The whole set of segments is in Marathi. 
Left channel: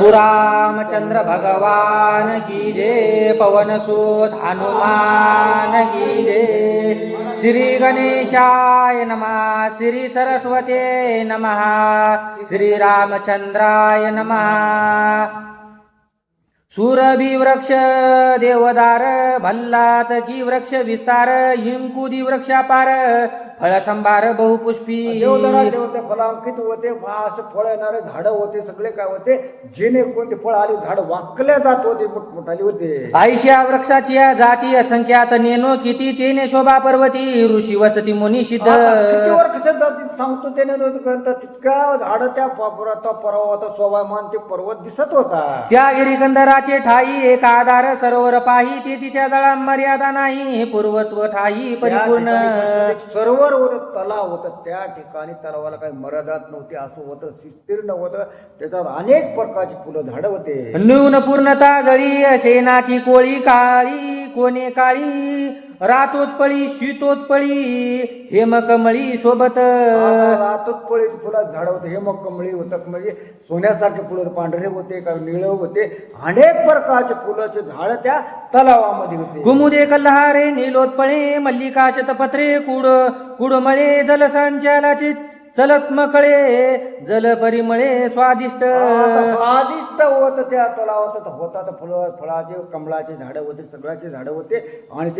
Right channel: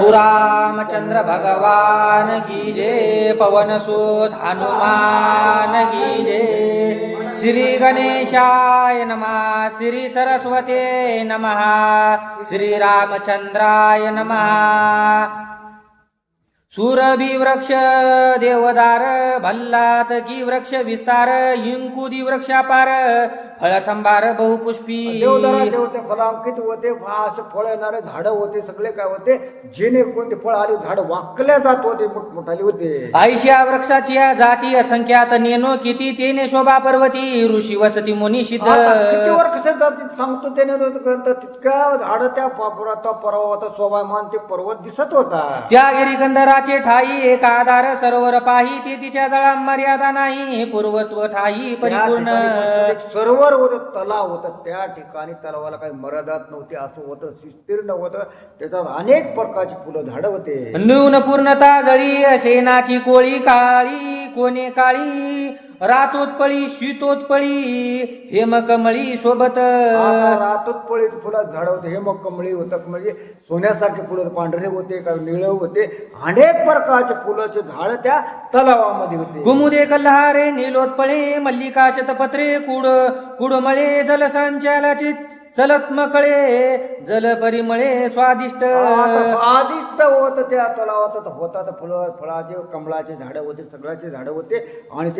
रामचंद्र भगवान की जय। पवन सुत हनुमान की जय। श्री गणेशाय नमः। श्री सरस्वते नमः। श्री रामचंद्राय नमः। सुरभि वृक्ष देवदार भल्लात की वृक्ष विस्तार इंकुदी वृक्षापार फळ संभार बहुपुष्पी देवदाराचे होते फलांकित होते असं फळ येणारे झाडं होते सगळे काय होते जेणे कोणते फळ आले झाड वाकल्या जात होते मोठमोठाली होते आयशा वृक्षाची जाती असंख्यात नेनो किती तेने शोभा पर्वती ऋषी वसती मुनी सिद्ध किती वर्ष जाती सांगतो त्याने तितक्या झाड त्या पर्वत स्वभामान ते पर्वत दिसत होता त्या गिरिकंदराचे ठाई एक आधार सरोवर पाही ते तिच्या जळा मर्यादा नाही पूर्वत्व ठाई परिपूर्ण सरोवर होतं तलाव होतं त्या ठिकाणी तलावाला काही मर्यादात नव्हती असं होतं विस्तीर्ण होतं त्याच्यावर अनेक प्रकारची फुलं झाडं होते न्यून पूर्णता जळी शेणाची कोळी काळी कोणे काळी रातोत्पळी शीतोत्पळी हेमकमळी सोबत रातोत्पळी फुलं झाड होते हेमकमळी होतं म्हणजे सोन्यासारखे फुलं पांढरे होते कारण निळे होते अनेक प्रकारचे फुलाचे झाड त्या तलावामध्ये होते कुमुदे कल्हारे नीलोत्पळे मल्लिका शतपत्रे कुडमळे जलसंचालाचे चलत मकळे जल परिमळे स्वादिष्ट होत त्या तलावात होतात फळाचे कमळाचे झाडं होते सगळ्याचे झाडं होते आणि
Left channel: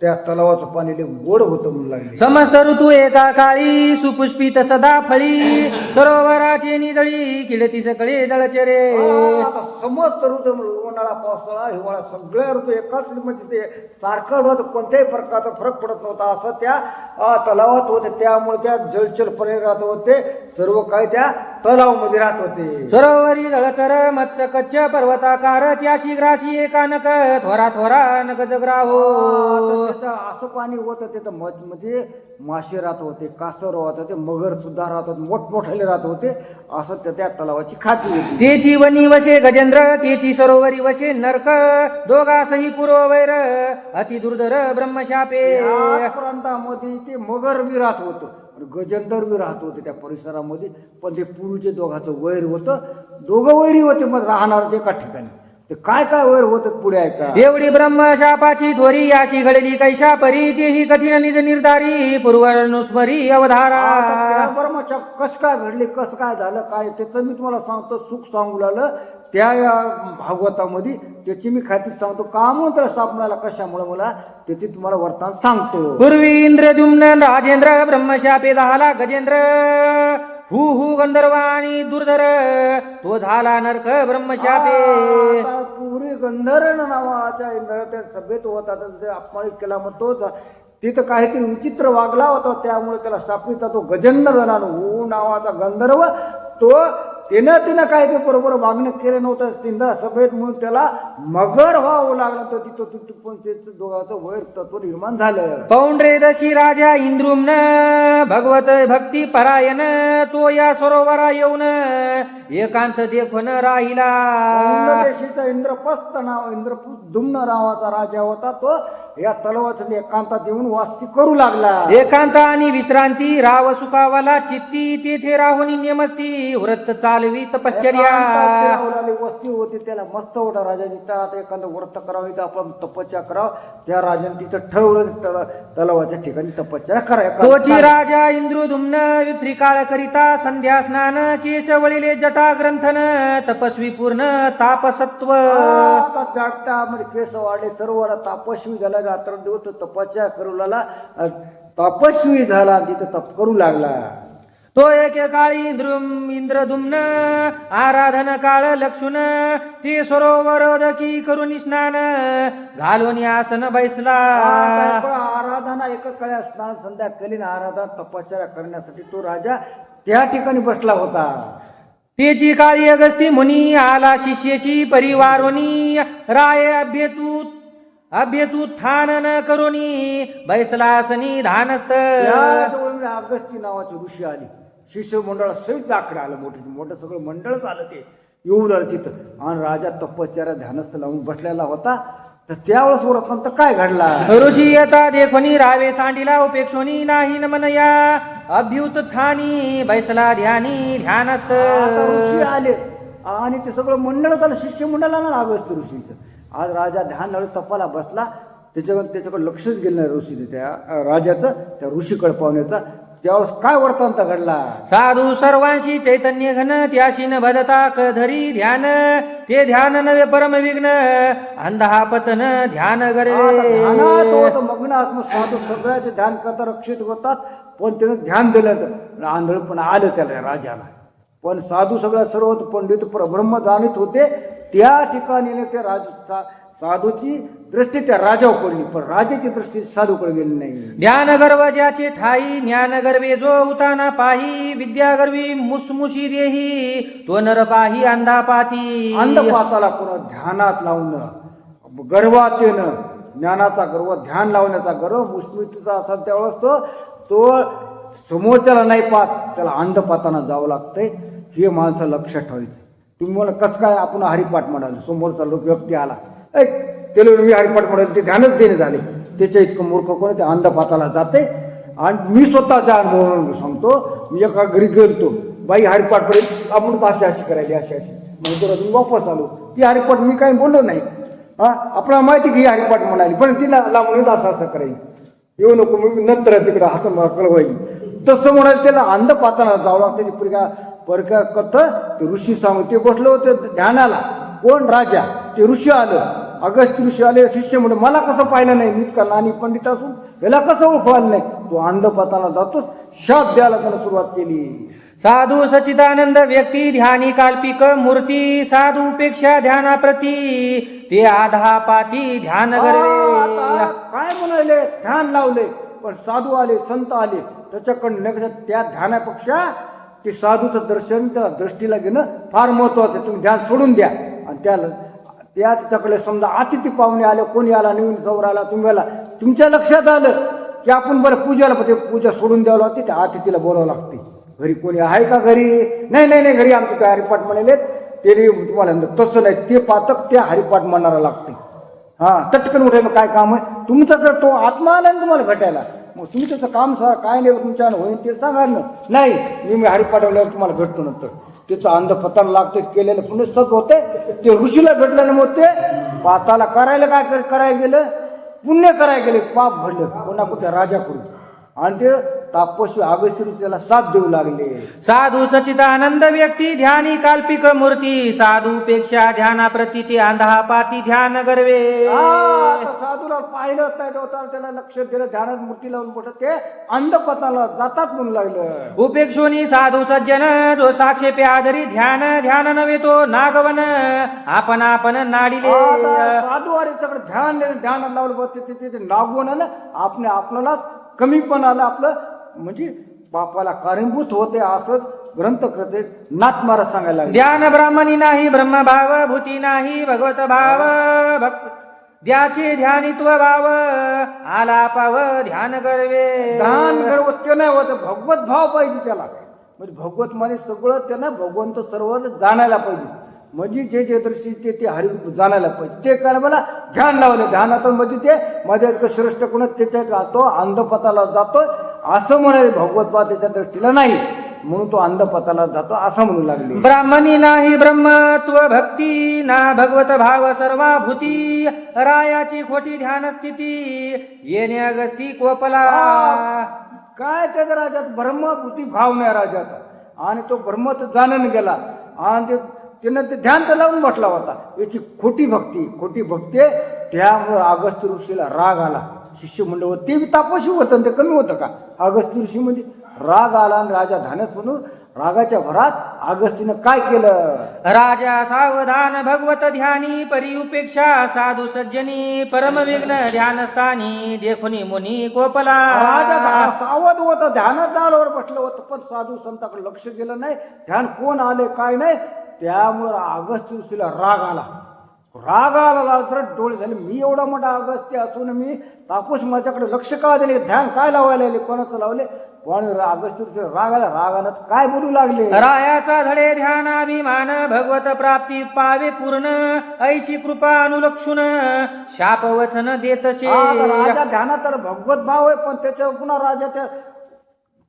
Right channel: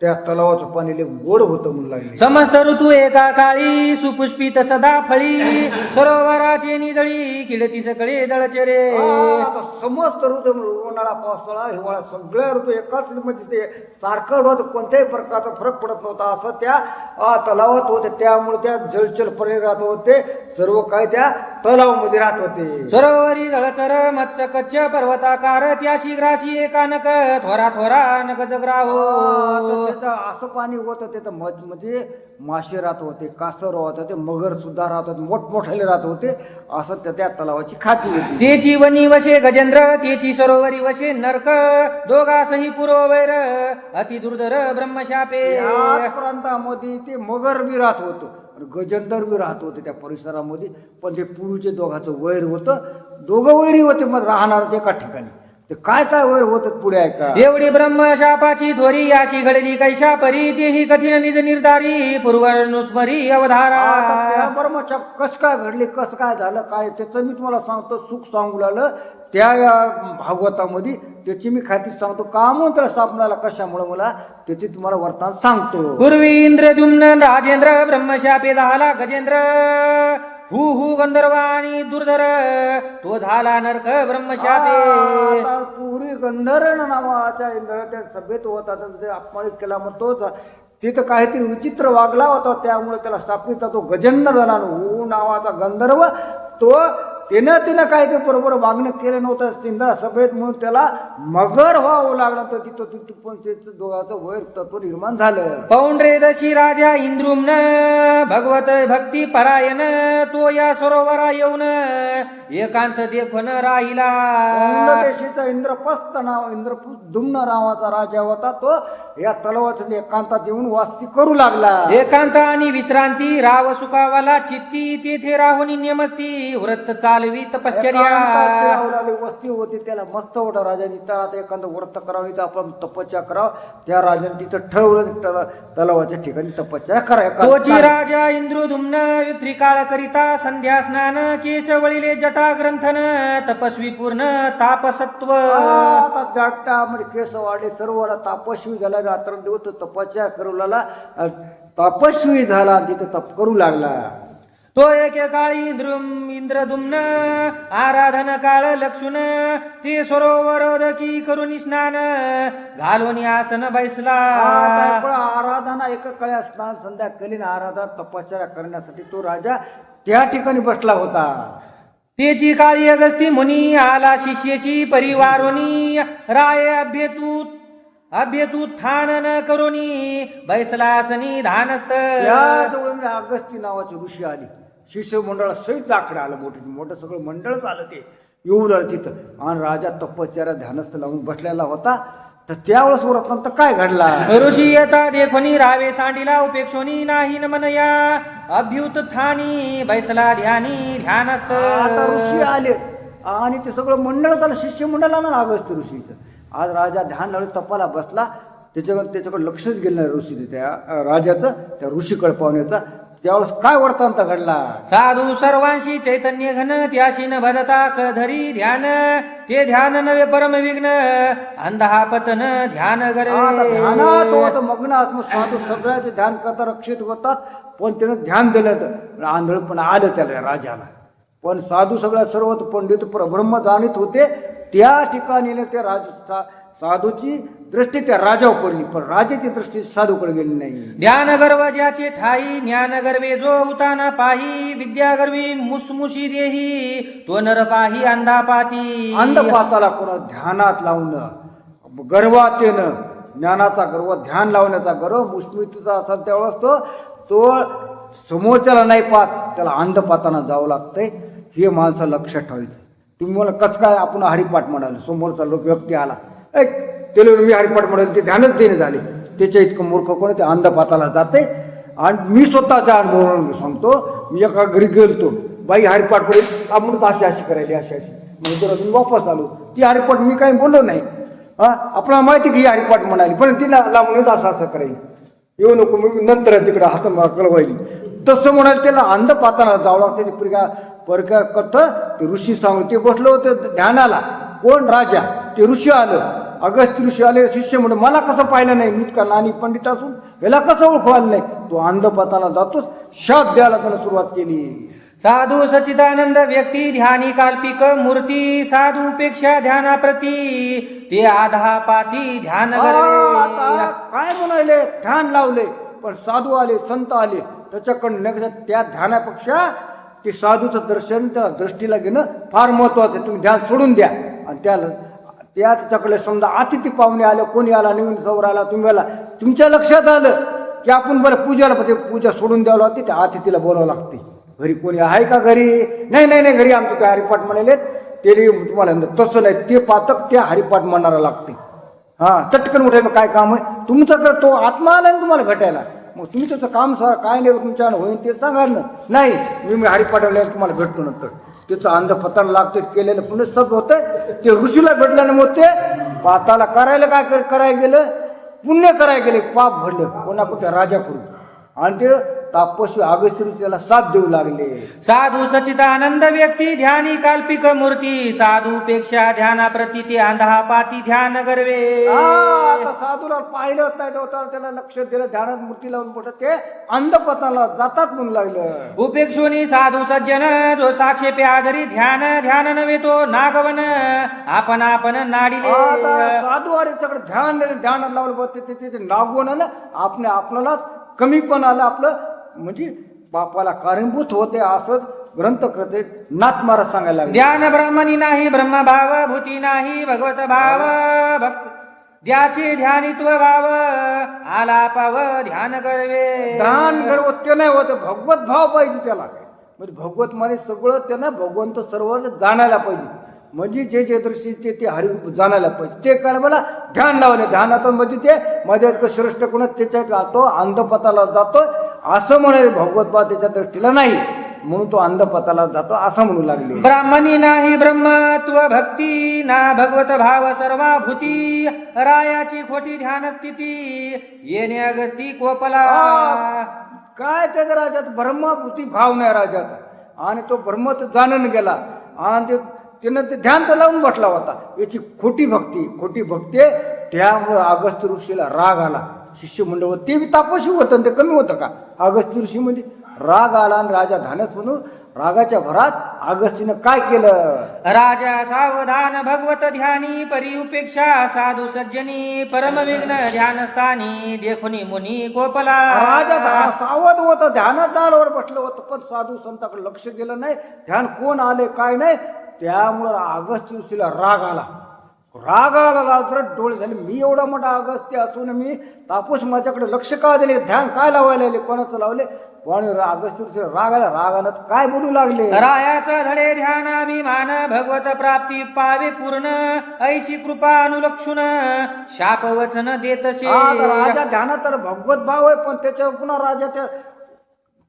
त्या तलावाचं पाणी गोड होतं म्हणून लागले समस्त ऋतू एका काळी सुपुष्पित सदा फळी सरोवराचे निजळी किलती सकळे जळचेरे समस्त ऋतू उन्हाळा पावसाळा हिवाळा सगळे ऋतू एकाच म्हणजे ते सारखं होत कोणत्याही प्रकारचा फरक पडत नव्हता असं त्या तलावात होते त्यामुळे त्या जलचरपणे राहत होते सर्व काही त्या तलावामध्ये राहत होते सरोवरी जळचर मत्स्य कच्छ पर्वताकार त्याची ग्राची एकानक थोरा थोरा नक जगराहो असं पाणी होतं तिथं म्हणजे मासे राहत होते कासव राहत होते मगर सुद्धा राहत होते मोठमोठाले राहत होते असं त्या तलावाची खाती होती तेची वनी वशे गजेंद्र तेची सरोवरी वशे नरक दोघासही पुरोवैर अति दुर्धर ब्रह्मशापे या प्रांतामध्ये ते मगर बी राहत होतं गजेंद्र बी राहत होते त्या परिसरामध्ये पण ते पूर्वीचे दोघांचं वैर होतं दोघं वैरी होते मग राहणार एका ठिकाणी ते काय काय वैर होत पुढे यायचा एवढी ब्रह्मशापाची थोरी याची घडली कैशा परी तेही कठीण निज निर्धारी पूर्वनुस्मरी अवधारा त्या ब्रह्मशाप कस काय घडली कसं काय झालं काय त्याचं मी तुम्हाला सांगतो सुख सांगू लागलं त्या भागवतामध्ये त्याची मी खाती सांगतो का म्हणून सापडायला कशामुळे मला त्याची तुम्हाला वर्तमान सांगतो पूर्वी इंद्रद्युम्न राजेंद्र ब्रह्मशापे झाला गजेंद्र हु गंधर्वाणी दुर्धर तो झाला नरक ब्रह्मशापे पुरी गंधर्व नावाच्या इंद्र त्या सभेत होता अपमानित केला मग तोच तिथं काहीतरी विचित्र वागला होता त्यामुळे त्याला शापीचा तो गजेंद्र झाला हु नावाचा गंधर्व तो तिनं काय ते बरोबर वागणं केलं नव्हतं इंद्रा सभेत म्हणून त्याला मगर व्हावं लागलं तर तिथं पण त्याचं दोघांचं वैर तत्व निर्माण झालं पौंड्रेदशी राजा इंद्रुम्न भगवत भक्ती परायण तो या सरोवरा येऊन एकांत देखून राहिला देशीचा इंद्रपस्त नाव इंद्रदुम्न नावाचा राजा होता तो या तलावात एकांतात येऊन वास्ती करू लागला एकांत आणि विश्रांती राव सुखावाला चित्ती तेथे राहून नियमस्ती व्रत चालवी तपश्चर्या वस्ती होती त्याला मस्त होता राजाने त्याला एखादं व्रत करावं तर आपण तपस्या करावं त्या राजाने तिथं ठरवलं तलावाच्या ठिकाणी तपस्या करायला तोची राजा इंद्रदुम्न त्रिकाळ करिता संध्या स्नान केशवळीले जटा ग्रंथन तपस्वी पूर्ण तापसत्व आता जटा म्हणजे केस वाढले सर्व तापस्वी झाला रात्र दिवस तपस्या करू लागला तपस्वी झाला तिथं तप करू लागला तो एकेकाळी इंद्रदुम्न आराधन काळ लक्षुन ते सरोवर दकी करून स्नान घालून आसन बैसला आराधना एका काळी स्नान संध्या केली आराधना तपश्चर्या करण्यासाठी तो राजा त्या ठिकाणी बसला होता तेची काळी अगस्ती मुनी आला शिष्येची परिवारोनी राय अभ्येतू थान न करोनी बैसलासनी धानस्त अगस्ती नावाची ऋषी आली शिष्य मंडळ सहित आकडे आलं मोठं सगळं मंडळच आलं ते येऊन आलं तिथं आणि राजा तपश्चर्या ध्यानस्थ लावून बसलेला होता तर त्यावेळेस व्रतांत काय घडला ऋषी येता देखोनी रावे सांडिला उपेक्षोनी नाही न मनया अभ्युत थानी बैसला ध्यानी ध्यानस्त आता ऋषी आले आणि ते सगळं मंडळ झालं, शिष्यमंडळ आलं अगस्त्य ऋषीचं. आज राजा ध्यान लावून तपाला बसला, त्याच्याकडे लक्षच गेलं नाही ऋषीचं, त्या राजाचं, त्या ऋषीकडे पाहुण्याचा. त्यावेळेस काय वर्तांत घडला? साधू सर्वांशी चैतन्य घन त्याशीन भजता धरी ध्यान, ते ध्यान नवे परम विघ्न अंधा पतन ध्यान आता करे. ध्यानात होत मग्न आत्म साधू सगळ्याचे ध्यान करता रक्षित होतात, पण त्यानं ध्यान दिलं तर आंधळ पण आलं त्याला राजाला. पण साधू सगळ्या सर्व पंडित ब्रह्म जाणीत होते, त्या ठिकाणी ते साधूची दृष्टी त्या राजावर पडली, पण राजाची दृष्टी साधूकडे गेली नाही. ध्यान गर्व ज्याचे ठाई ज्ञान गर्वे जो उताना पाही, विद्या गर्वी मुसमुशी देही तो नर पाही अंधा पाती. अंधपाताला कोण ध्यानात लावणं, गर्वात येणं, ज्ञानाचा गर्व, ध्यान लावण्याचा गर्व मुष्मितीचा असेल त्यावेळेस तो समोरच्याला नाही पाहत, त्याला अंधपाताना जावं लागतंय. हे माणसं लक्षात ठेवायचं. तुम्ही मला कसं काय आपण हरिपाठ म्हणाले, समोरचा लोक व्यक्ती आला त्याला मी हरिपाठ म्हणाले, ते ध्यानच देणे झाले. त्याच्या इतकं मूर्ख कोण ते अंधपाताला जाते. आणि मी स्वतःच्या अनुभवावरून सांगतो, मी एका घरी गेलतो, बाई हरिपाठ पडेल, आपण अशी अशी करायली, अशी अशी म्हणजे मी वापस आलो. ती हरिपाठ मी काही बोललो नाही. आपल्याला माहिती की ही हरिपाठ म्हणाली, पण तिला लावून असं असं करायला येऊ नको, मी नंतर तिकडे हात कळवायली. तसं म्हणाल त्याला अंधपाताला जावं लागतं. परक्या कट्ट ते ऋषी सांगू, ते बसलं होतं ध्यानाला. कोण? राजा. ते ऋषी आलं, अगस्त्य ऋषी आले. शिष्य म्हणून मला कसं पाहिलं नाही, मी का नानी पंडित असून याला कसं ओळखवायला नाही. तो अंधपाताला जातोच, शाप द्यायला त्यानं सुरुवात केली. साधू सच्चिदानंद व्यक्ती ध्यानी काल्पिक मूर्ती, साधू पेक्षा ध्यानाप्रती ते आधा पाती ध्यान गर्वे. आता काय म्हणाले, ध्यान लावले, पण साधू आले, संत आले, त्याच्याकडनं त्या ध्यानापेक्षा ते साधूचं दर्शन, त्या दृष्टीला घेणं फार महत्वाचं आहे. तुम्ही ध्यान सोडून द्या. आणि त्याच्याकडे समजा अतिथी पाहुणे आले, कोणी आला, नवीन जवळ आला, तुम्हाला तुमच्या लक्षात आलं की आपण बरं पूजाला, ते पूजा सोडून द्यावं लागते, त्या अतिथीला बोलावं लागते. घरी कोणी आहे का? घरी नाही नाही नाही, घरी आमचे काय हरिपाठ म्हणाले, ते तुम्हाला तसं नाही, ते पातक त्या हरिपाठ म्हणायला लागते. चटकन उठाय, काय काम आहे तुमचं? तर तो आत्मा आला ना तुम्हाला भेटायला, मग तुम्ही त्याचं काम काय नाही तुमच्या होईल ते सांगा ना. नाही, मी हरिपाठवल्यावर तुम्हाला भेटतो नंतर. त्याचं अंधपतन लागते, केलेलं पुण्य सब होतंय. ते ऋषीला भेटलं ना, मग ते पाताला करायला काय करायला गेलं, पुण्य करायला गेले, पाप भरलं कोणाकोणत्या राजाकडून. आणि ते तापस्वी अगस्त्य त्याला साथ देऊ लागले. साधू सच्चिदानंद व्यक्ती ध्यानी काल्पिक मूर्ती, साधू पेक्षा ध्यानाप्रती ते आंधा पाती ध्यान गर्वे. साधूला पाहिलं नाही, त्याला लक्ष दिलं, ध्यानात मूर्ती लावून मोठं ते अंधपतनाला जातात म्हणून लागलं. उपेक्षोनी साधू सज्जन जो साक्षेपे आधरी ध्यान, ध्यान नव्हे तो नागवन आपण आपण नाडिले. साधू अरे सगळं ध्यानात लावलं बघते, ते नागवून आलं, आपल्यालाच कमी पण आलं आपलं, म्हणजे पापाला कारणीभूत होते असं ग्रंथ करते. नाथ महाराज सांगायला लागले, ध्यान ब्राह्मणी नाही ब्रह्मभाव, भूती नाही भगवत भाव, भक्त द्याचे ध्यानित्व भाव आला पाव ध्यान गर्वे. ध्यान गर्व ते नाही होत, भगवत भाव पाहिजे त्याला. म्हणजे भगवत मध्ये सगळं त्यांना भगवंत सर्व जाणायला पाहिजे. म्हणजे जे दृष्टी ते हरी जाणायला पाहिजे. ते काय मला ध्यान लावले, ध्यानातून म्हणजे ते माझ्या इतकं श्रेष्ठ कोण त्याच्या जातो, अंधपताला जातो असं म्हणाले. भगवत बा त्याच्या दृष्टीला नाही, म्हणून तो अंधपताला जातो असं म्हणू लागले. ब्राह्मणी नाही ब्रह्मत्व भक्ती ना भगवत भाव सर्वाभूती, रायाची खोटी ध्यान स्थिती येणे अगस्ती कोपला. काय त्याच्या राजात ब्रह्मभूती भाव नाही राजाचा, आणि तो ब्रह्मत जाणून गेला, आणि त्यानं ते ध्यान तर लावून बसला होता. याची खोटी भक्ती त्यामुळे अगस्त्य ऋषीला राग आला. शिष्य म्हणलं ते तापस्वी होतं, ते कमी होतं का? अगस्त्य ऋषी म्हणजे राग आला, आणि राजा धानस म्हणून रागाच्या भरात अगस्तीनं काय केलं? राजा सावधान भगवत ध्यानी, परी उपेक्षा साधू सज्जनी, परम विघ्न ध्यानस्थानी देखुनी मुनी कोपला. राजा सावध होता, ध्यानात दारावर बसलं होतं, पण साधू संताकडे लक्ष गेलं नाही, ध्यान कोण आले काय नाही. त्यामुळे अगस्त्य ऋषीला राग आला तर डोळे झाले, मी एवढा मोठा अगस्त्य असून मी तापस माझ्याकडे लक्ष का दिले, ध्यान काय लावायला, कोणाचं लावले, कोण? अगस्त्य ऋषीला रागानं काय बोलू लागले? रायाचा धडे ध्यानाभिमान, भगवत प्राप्ती पावे पूर्ण, ऐची कृपा अनुलक्षुन शाप वचन देतसे. राजा ध्यानात तर भगवत भाव आहे, पण त्याच्या पुन्हा राजा त्या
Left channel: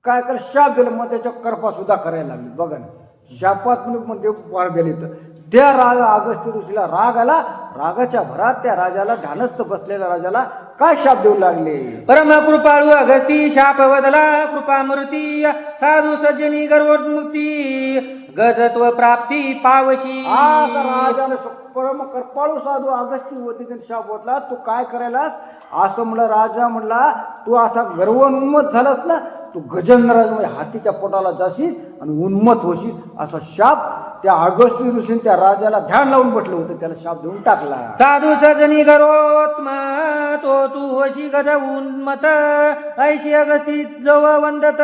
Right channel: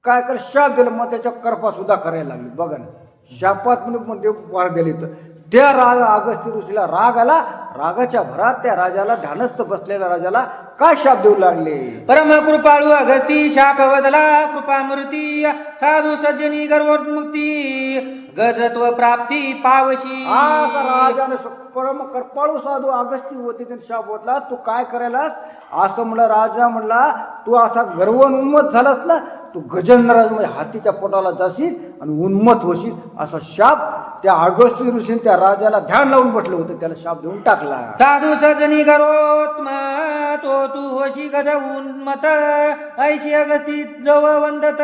काय कर शाप दिलं, मग त्याच्या कृपा सुद्धा करायला लागली. बघा ना, शापात म्हणजे वाढ दिली. तर त्या अगस्त्य ऋषीला राग आला. रागाच्या भरात त्या राजाला, ध्यानस्थ बसलेल्या राजाला काय शाप देऊ लागले. परम कृपाळू अगस्ती शाप बदला कृपामूर्ती साधू सज्जनी गर्वोन्मुक्ती गजत्व प्राप्ती पावशी. आता राजाने परम कृपाळू साधू अगस्ती होते त्यांनी शाप बोलला, तू काय करायलास असं म्हणलं. राजा म्हणला, तू असा गर्वोन्मत झालास ना, तू गजेंद्र म्हणजे हातीच्या पोटाला जाशील आणि उन्मत होशील असा शाप त्या अगस्ती ऋषीने त्या राजाला ध्यान लावून बसले होते, त्याला शाप देऊन टाकला. साधू सजनी गरोत्म तो तू होशी गज उन्मत ऐशी अगस्ती जव वंदत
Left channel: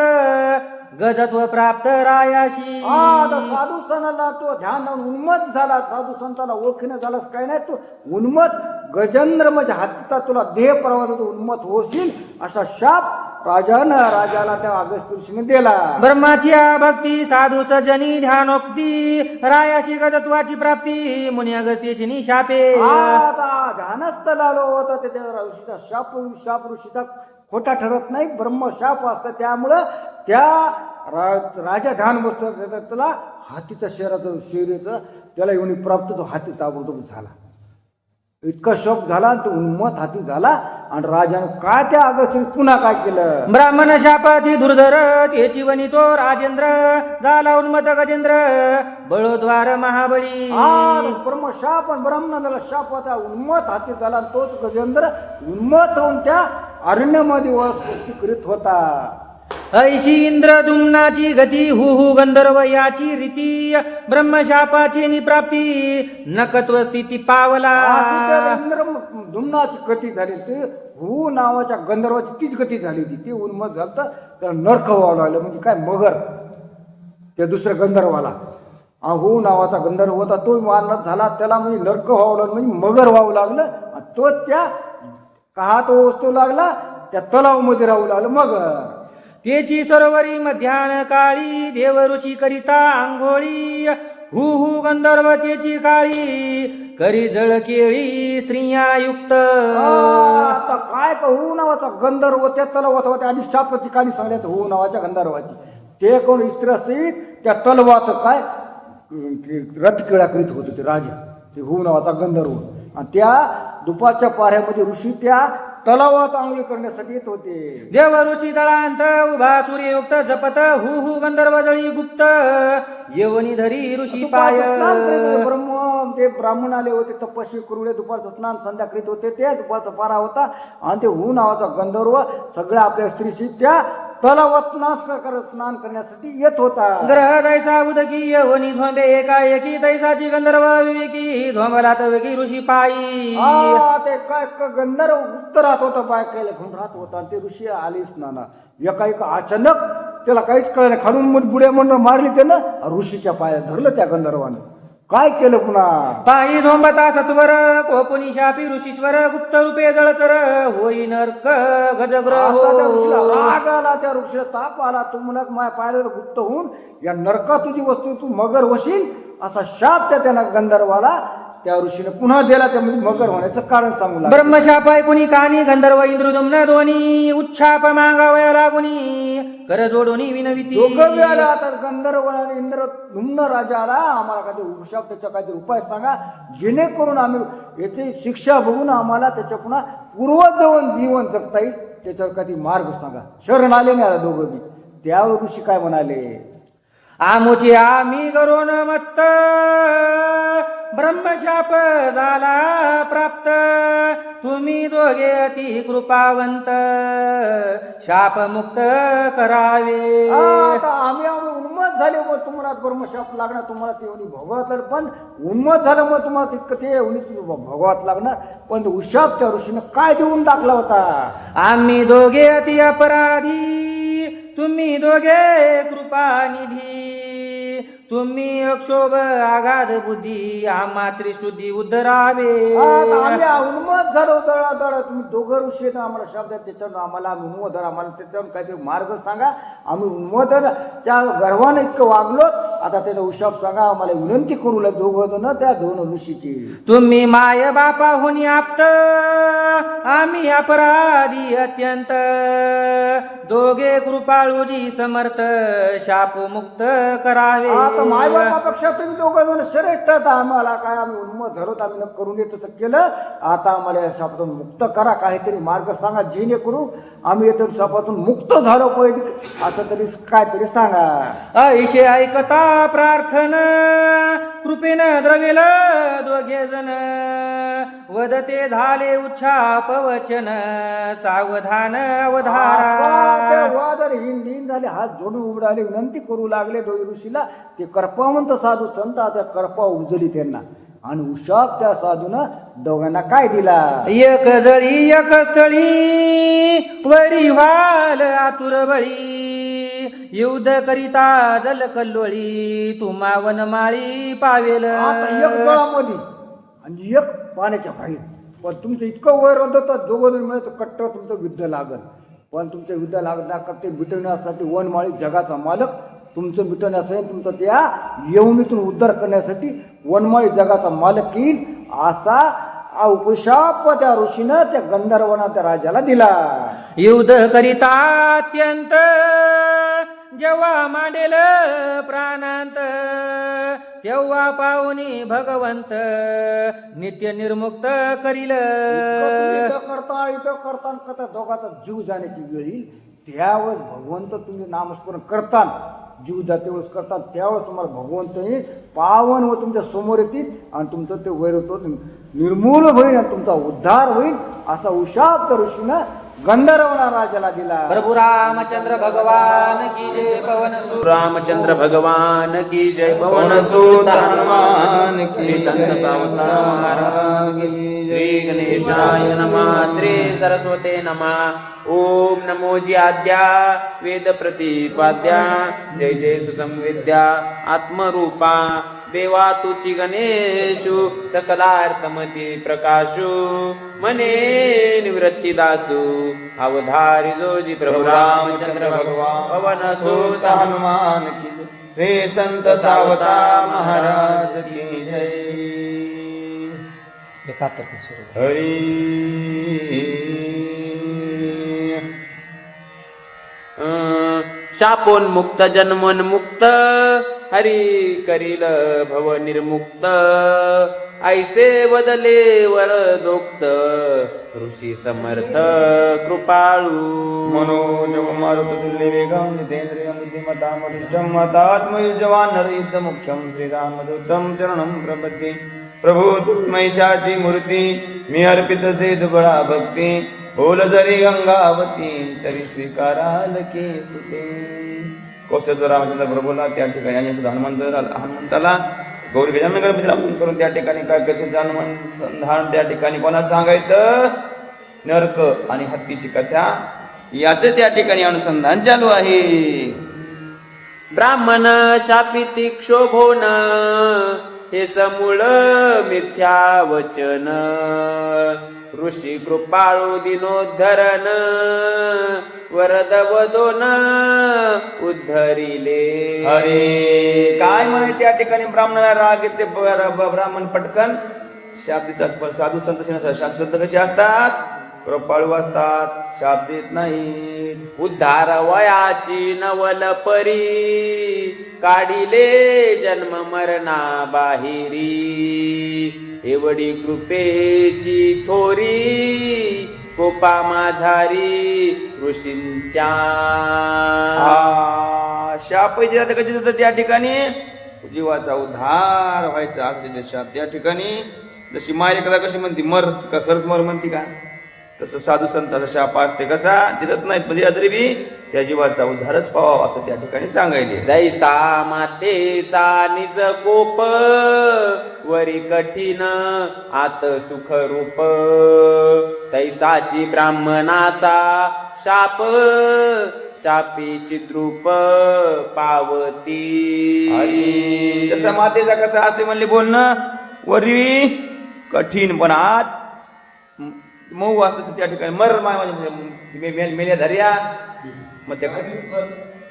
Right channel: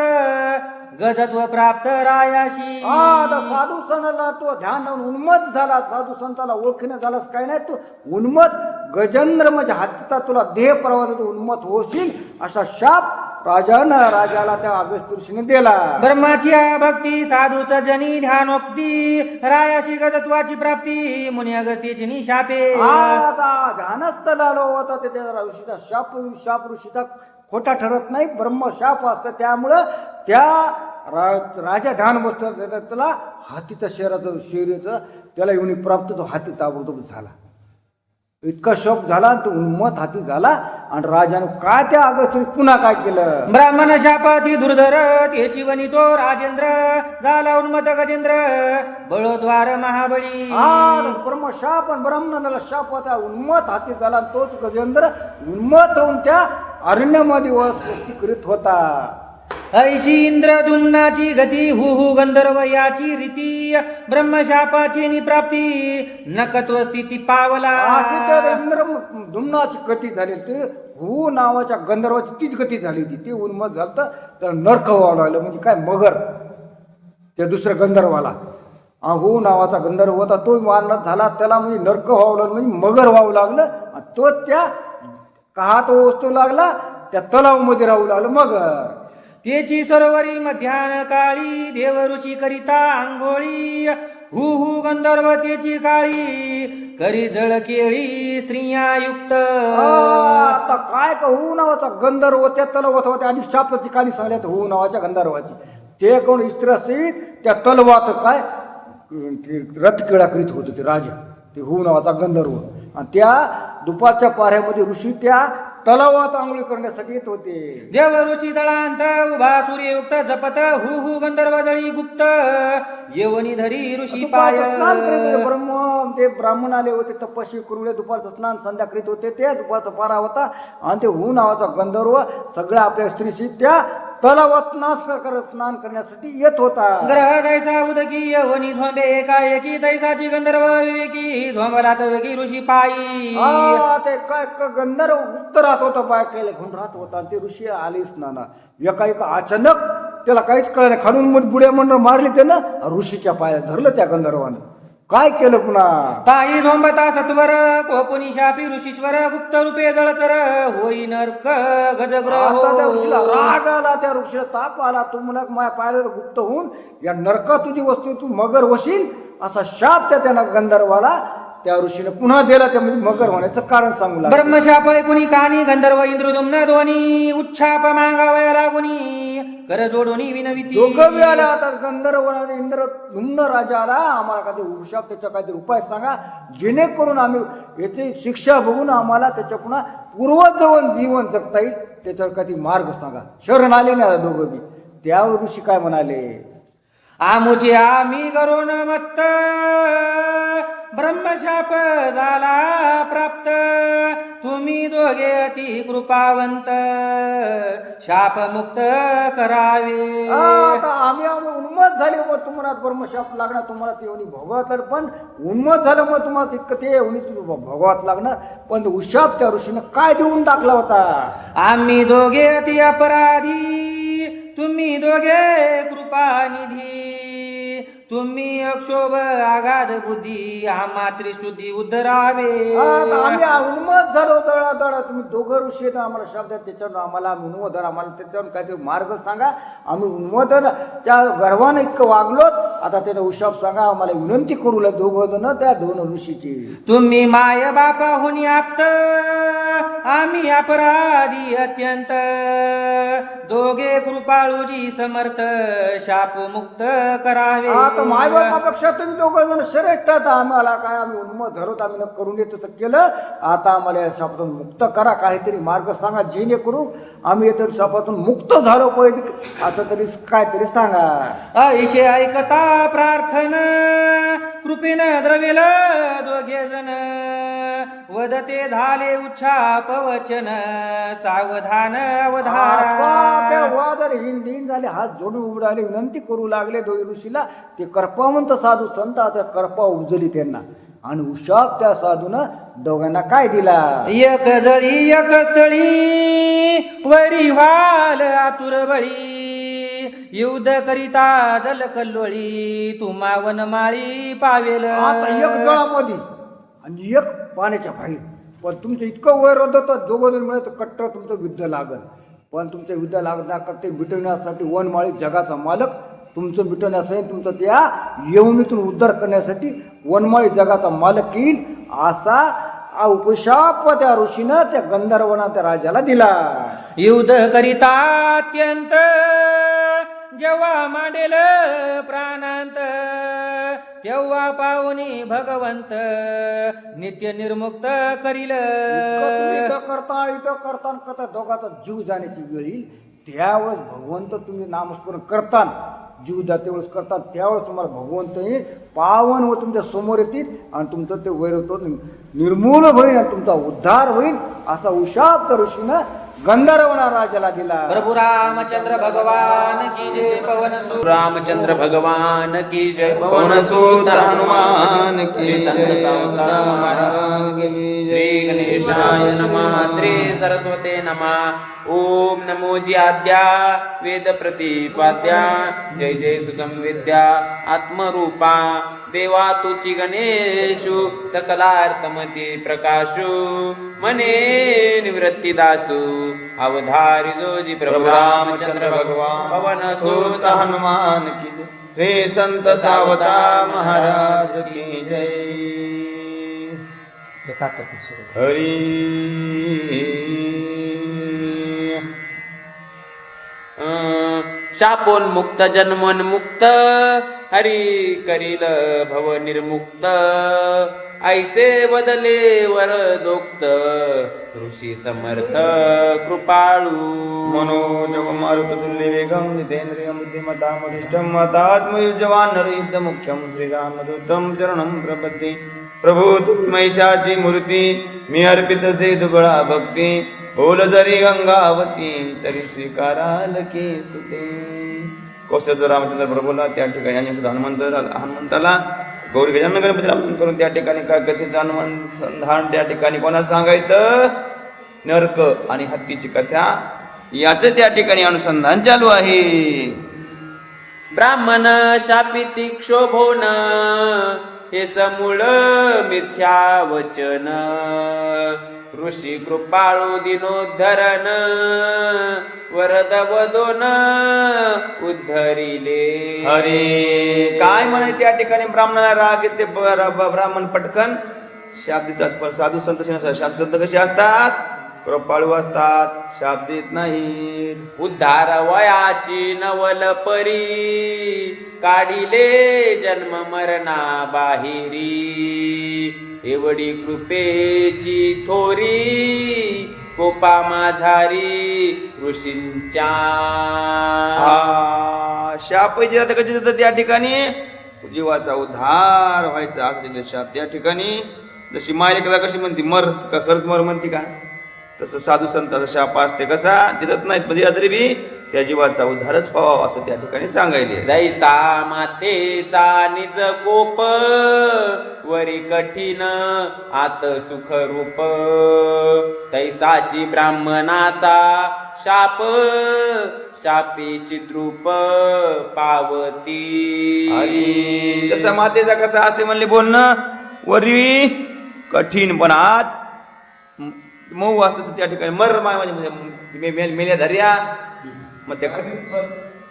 गजत्व प्राप्त रायाशी. आता साधू सणाला तो ध्यान लावून उन्मत झाला. साधू संताला ओळखीनं झालास काय नाही, तू उन्मत गजेंद्र म्हणजे हातीचा तुला देह प्रवास उन्मत होशील असा शाप राजाला त्या अगस्त्य ऋषीने दिला. ब्रह्माची भक्ती साधू सजनी ध्यानोक्ती रायाशी गजत्वाची प्राप्ती मुनी अगस्तीची निशापे. आता ध्यानस्थ लालो होता त्याच्या ऋषीचा शाप ऋषीचा खोटा ठरत नाही, ब्रह्म शाप असतं. त्यामुळं त्या राजा ध्यान बसतो त्याला हातीच्या शरीराचं त्याला येऊन प्राप्त, तो हाती ताबडतोब झाला. इतका शोक झाला, तो उन्मत हाती झाला. आणि राजाने काय त्या अगस्त्य पुन्हा काय केलं. ब्राह्मण शापाती दुर्धर त्याची वनी तो राजेंद्र झाला उन्मत गजेंद्र बळोद्वार महाबळी. ब्रह्म शाप आणि ब्राह्मणाला शाप होता, उन्मत हाती झाला. तोच गजेंद्र उन्मत होऊन त्या अरण्यामध्ये वस्ती करीत होता. ऐशी इंद्र दुम्नाची गती हु गंधर्व याची रीती ब्रह्मशापाची निप्राप्ती नकत्व स्थिती पावला. अशी तर इंद्र दुम्नाची गती झाली. ते हु नावाच्या गंधर्वाची तीच गती झाली होती. ती उन्मत झालं तर नरक व्हावं लागलं. म्हणजे काय मगर त्या दुसऱ्या गंधर्वाला हु नावाचा गंधर्व होता, तो मारला झाला, त्याला म्हणजे नरक व्हावं लागलं, म्हणजे मगर व्हावं लागलं. आणि तो त्या काहात वस्तू लागला, त्या तलावामध्ये राहू लागलं मगर. त्याची सरोवरी मध्यान काळी देव ऋषी करिता आंघोळी हु गंधर्व त्याची काळी करी जळ केळी स्त्रिया युक्त. आता काय का हु नावाचा गंधर्व त्या तलावात होत्या. आधी शापाची कहाणी सांगण्यात हु नावाच्या गंधर्वाची. ते कोण स्त्री त्या तलवात काय रथकिळा करीत होते ते राजा, ते हु नावाचा गंधर्व. आणि त्या दुपारच्या पाऱ्यामध्ये ऋषी त्या तलावात आंघोळी करण्यासाठी येत होते. देव ऋषी तळांत उभा सूर्ययुक्त जपत हु गंधर्व जळी गुप्त येवनी धरी ऋषी पाय. ते ब्राह्मण आले होते तपस्वी करुळे, दुपारचं स्नान संध्या करीत होते. ते दुपारचा पारा होता आणि ते हु नावाचा गंधर्व सगळ्या आपल्या स्त्रीशी त्या तलावात स्नान करण्यासाठी येत होता. ग्रह तैसा उदकी येवनी झोंबे एकाएकी तैसाची गंधर्व विवेकी झोंबला तवेकी ऋषी पायी. ते काय गंधर्व गुप्त राहत होता, बायकायला घेऊन राहत होता. आणि ते ऋषी आले स्नाना. एका अचानक त्याला काहीच कळलं नाही. खालून बुड्या मंडळ मारली त्यानं, ऋषीच्या पाया धरलं त्या गंधर्वानं. काय केलं पुन्हा. पायी झोंबता सत्वर कोपुनी शापी ऋषीश्वर गुप्त रूपे जळचर होई नरक गजग्रह. राग आला, त्या ऋषीला ताप आला. तू मला माझ्या पायाला गुप्त होऊन या नरका तुझी वस्तू तू मगर होशील असा शाप त्या गंधर्वाला त्या ऋषीने पुन्हा दिला. त्या मगर होण्याचं कारण सांगू लागला. ब्रह्मशाप ऐकुनी कहाणी गंधर्व इंद्रदुम्न दोन्ही उच्छाप मागावया लागुनी कर जोडोनी विनविती. दोघं बी आला. आता गंधर्व आणि इंद्रदुम्न राजा आला, आम्हाला काहीतरी उशाप त्याचा काहीतरी उपाय सांगा, जेणेकरून आम्ही याची शिक्षा बघून आम्हाला त्याच्या पुन्हा पूर्वजवळ जीवन जगता येईल, त्याच्यावर काहीतरी मार्ग सांगा. शरण आले ना दोघं बी. त्यावेळी ऋषी काय म्हणाले. आमुचे आम्ही करून मत्त ब्रह्मशाप झाला प्राप्त तुम्ही दोघे अति कृपावंत शाप मुक्त करावे. आम्ही उन्मत झाले, मग तुम्हाला ब्रह्मशाप लागणार, तुम्हाला ते भोगावत. पण उन्मत झालं मग तुम्हाला तितकं ते भोगावत लागणार. पण उशाप त्या ऋषीनं काय देऊन टाकला होता. आम्ही दोघे अति अपराधी तुम्ही दोघे कृपानिधी तुम्ही अक्षोभ आघात बुद्धी आम्हा त्रिशुद्धी उद्धरावे. आम्ही उन्मत झालो दळा. तुम्ही दोघं ऋषी आम्हाला शब्द त्याच्यावर आम्हाला उन्मत झाला, आम्हाला त्याच्यावर काहीतरी मार्ग सांगा. आम्ही उन्मत त्या गर्वानं इतकं वागलो. आता त्याचा उशाप सांगा, आम्हाला विनंती करू लागले दोघं जण त्या दोन ऋषीची. तुम्ही माय बापा होणी आप्त आम्ही अपराधी अत्यंत दोघे कृपाळूजी समर्थ शाप मुक्त करावे. आता मायबापापेक्षा तुम्ही दोघं जण श्रेष्ठ आहात. आम्हाला काय आम्ही उन्मत धरत आम्ही न करून देत तसं केलं. आता आम्हाला या शापातून मुक्त करा, काहीतरी मार्ग सांगा जेणेकरून आम्ही येतो शापातून मुक्त झालो पाहिजे, असं तरी काहीतरी सांगा. ऐशे ऐकता प्रार्थना कृपेनं द्रवेल दोघे जण वदते झाले उच्छाप वचन सावधान असा ते अवधान. वादळ हिंदीन झाले, हात जोडून उभे राहिले, विनंती करू लागले दोई ऋषीला. ते करपावंत साधू संत आता करपा उजली त्यांना आणि उशाप त्या साधूनं दोघांना काय दिला. एक जळी एक तळी वरी वाल आतुर बळी युद्ध करिता जल कल्लोळी तुम्हा वनमाळी पावेल. आता एक जळामध्ये आणि एक पाण्याच्या बाहेर. पण तुमचं इतकं वय होतं दोघं जण मिळत कट्टर तुमचं युद्ध लागल. पण तुमचं युद्ध लागणार ते मिटवण्यासाठी वनमाळी जगाचा मालक तुमचं मिटवण्यासाठी तुमचं त्या येवणीतून उद्धार करण्यासाठी वनमाळी जगाचा मालक येईल, असा उपशाप त्या ऋषीनं त्या गंधर्वाना त्या राजाला दिला. युद्ध करिता अत्यंत जेव्हा मांडेल प्राणांत तेव्हा पाहुनी भगवंत नित्य निर्मुक्त करील. इथं करता दोघाचा जीव जाण्याची वेळ येईल. त्यावेळेस भगवंत तुम्ही नामस्मरण करता, जीव जाते वेळेस करतात, त्यावेळेस तुम्हाला भगवंत येईल, पावन व तुमच्या समोर येतील आणि तुमचं ते वैरत्व निर्मूल होईल आणि तुमचा उद्धार होईल, असा उशाप त्या ऋषीनं गंधर्वना राजाला दिला. प्रभु रामचंद्र भगवान की जय. पवन सुत रामचंद्र भगवान की जय. पवन सुत हनुमान की जय. श्री गणेशाय नमः. श्री सरस्वते नमः. ओम नमो जी आद्या वेद प्रतिपाद्या जय जय सुसंविद्या आत्मरूपा देवा तुची गणेशु सकलार्थमती प्रकाशु मने निवृत्ती दासु अवधारी जोजी प्रभु रामचंद्र भगवान. पवन सुत हनुमान की जय. श्री संत सावता महाराज की जय. हरी शापोन्मुक्त जन्मोन्मुक्त हरी करील भव निर्मुक्त ऐसे बदले वरदोक्त ऋषी समर्थ कृपाळू. मनोजव मारुतुल्य वेगं जितेन्द्रियं बुद्धिमतां वरिष्ठं वातात्मयुजवान् नरयुद्धमुख्यं श्रीरामदूतं चरणं प्रपद्ये. प्रभू तुमैशाची मूर्ती मी अर्पितसे दुबळा भक्ती बोल जरी गंगावती तरी स्वीकाराल की सुते. कौशल रामचंद्र प्रभूला त्या ठिकाणी हनुमंताला गौरी गजानन गणपती रामचंद्र करून त्या ठिकाणी काय कथेचं हनुमान संधान त्या ठिकाणी कोणा सांगायचं. नरक आणि हत्तीची कथा याचं त्या ठिकाणी अनुसंधान चालू आहे. ब्राह्मण शापिती क्षोभोन हे समूळ मिथ्या वचन ऋषी कृपाळू दिनोद्धरण वरद वदोन उद्धरिले. अरे काय म्हणे त्या ठिकाणी ब्राह्मणाला राग येते. ब्राह्मण पटकन शाप देतात. साधू संत साधू संत कसे असतात, कृपाळू असतात, शाप देत नाही. उद्धार वयाची नवल परी काढिले जन्म मरणा बाहिरी एवढी कृपेची थोरी कोपा माझारी ऋषींच्या. शाप दिला कशी देतात त्या ठिकाणी जीवाचा उद्धार व्हायचा. अगदी शाप त्या ठिकाणी जशी मायलेकला कशी म्हणती मर का खरंच मर म्हणती का, तसं साधू संताचा शाप असते कसा देत नाहीत म्हणजे तरी बी त्या जीवाचा उद्धारच व्हावा असं त्या ठिकाणी सांगायले. जैसा मातेचा निज कोप वरी कठीण आत सुख रूप तैसाची ब्राह्मणाचा शाप शापीची द्रुप पावती. तसं मातेचा कसा असते म्हणले बोलणं वरी कठीण पण आत मऊ असतं त्या ठिकाणी मर माय म्हणजे मेल्या धर्या मग त्या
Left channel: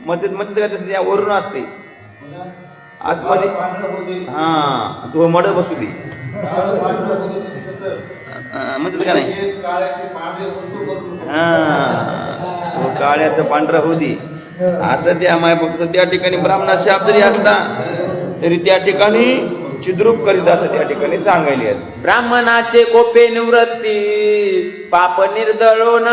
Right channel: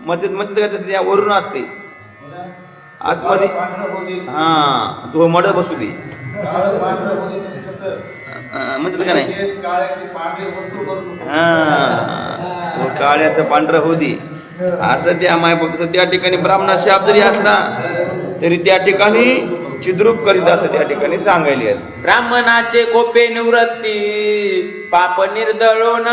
मध्ये त्या वरून असते आतमध्ये. हा तू मड बसू दे म्हणतात का नाही तो काळ्याचं पांढरं होऊ दे असं त्या मायबापाचं त्या ठिकाणी ब्राह्मणात शाप जरी असला तरी त्या ठिकाणी चिद्रूप करीत असं त्या ठिकाणी सांगायले आहेत. ब्राह्मणाचे कोपे निवृत्ती पाप निर्दळोन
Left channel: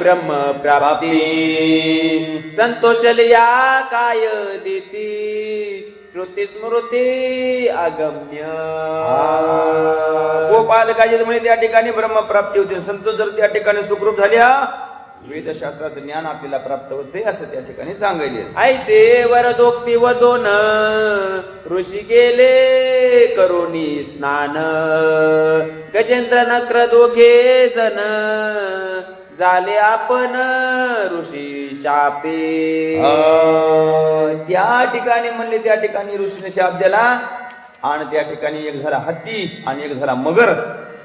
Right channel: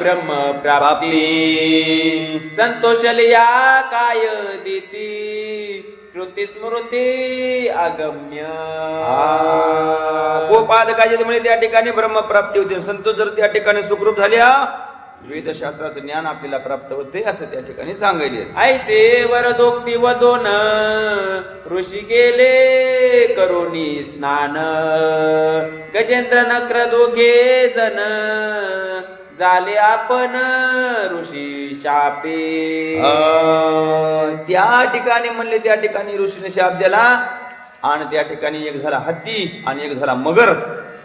ब्रह्म प्राप्ती संतोषलिया काय दिती श्रुती स्मृती अगम्य गोपालकाचे म्हणे त्या ठिकाणी ब्रह्मप्राप्ती होते. संतोष जर त्या ठिकाणी सुखरूप झाल्या वेदशास्त्राचं ज्ञान आपल्याला प्राप्त होते असं त्या ठिकाणी सांगायले. ऐसे वरदोक्ती वदोन ऋषी गेले करुणी स्नान गजेंद्र नक्र दोघे जण झाले आपण ऋषी शापे. त्या ठिकाणी म्हणले त्या ठिकाणी ऋषीने शाप दिला आणि त्या ठिकाणी एक झाला हत्ती आणि एक झाला मगर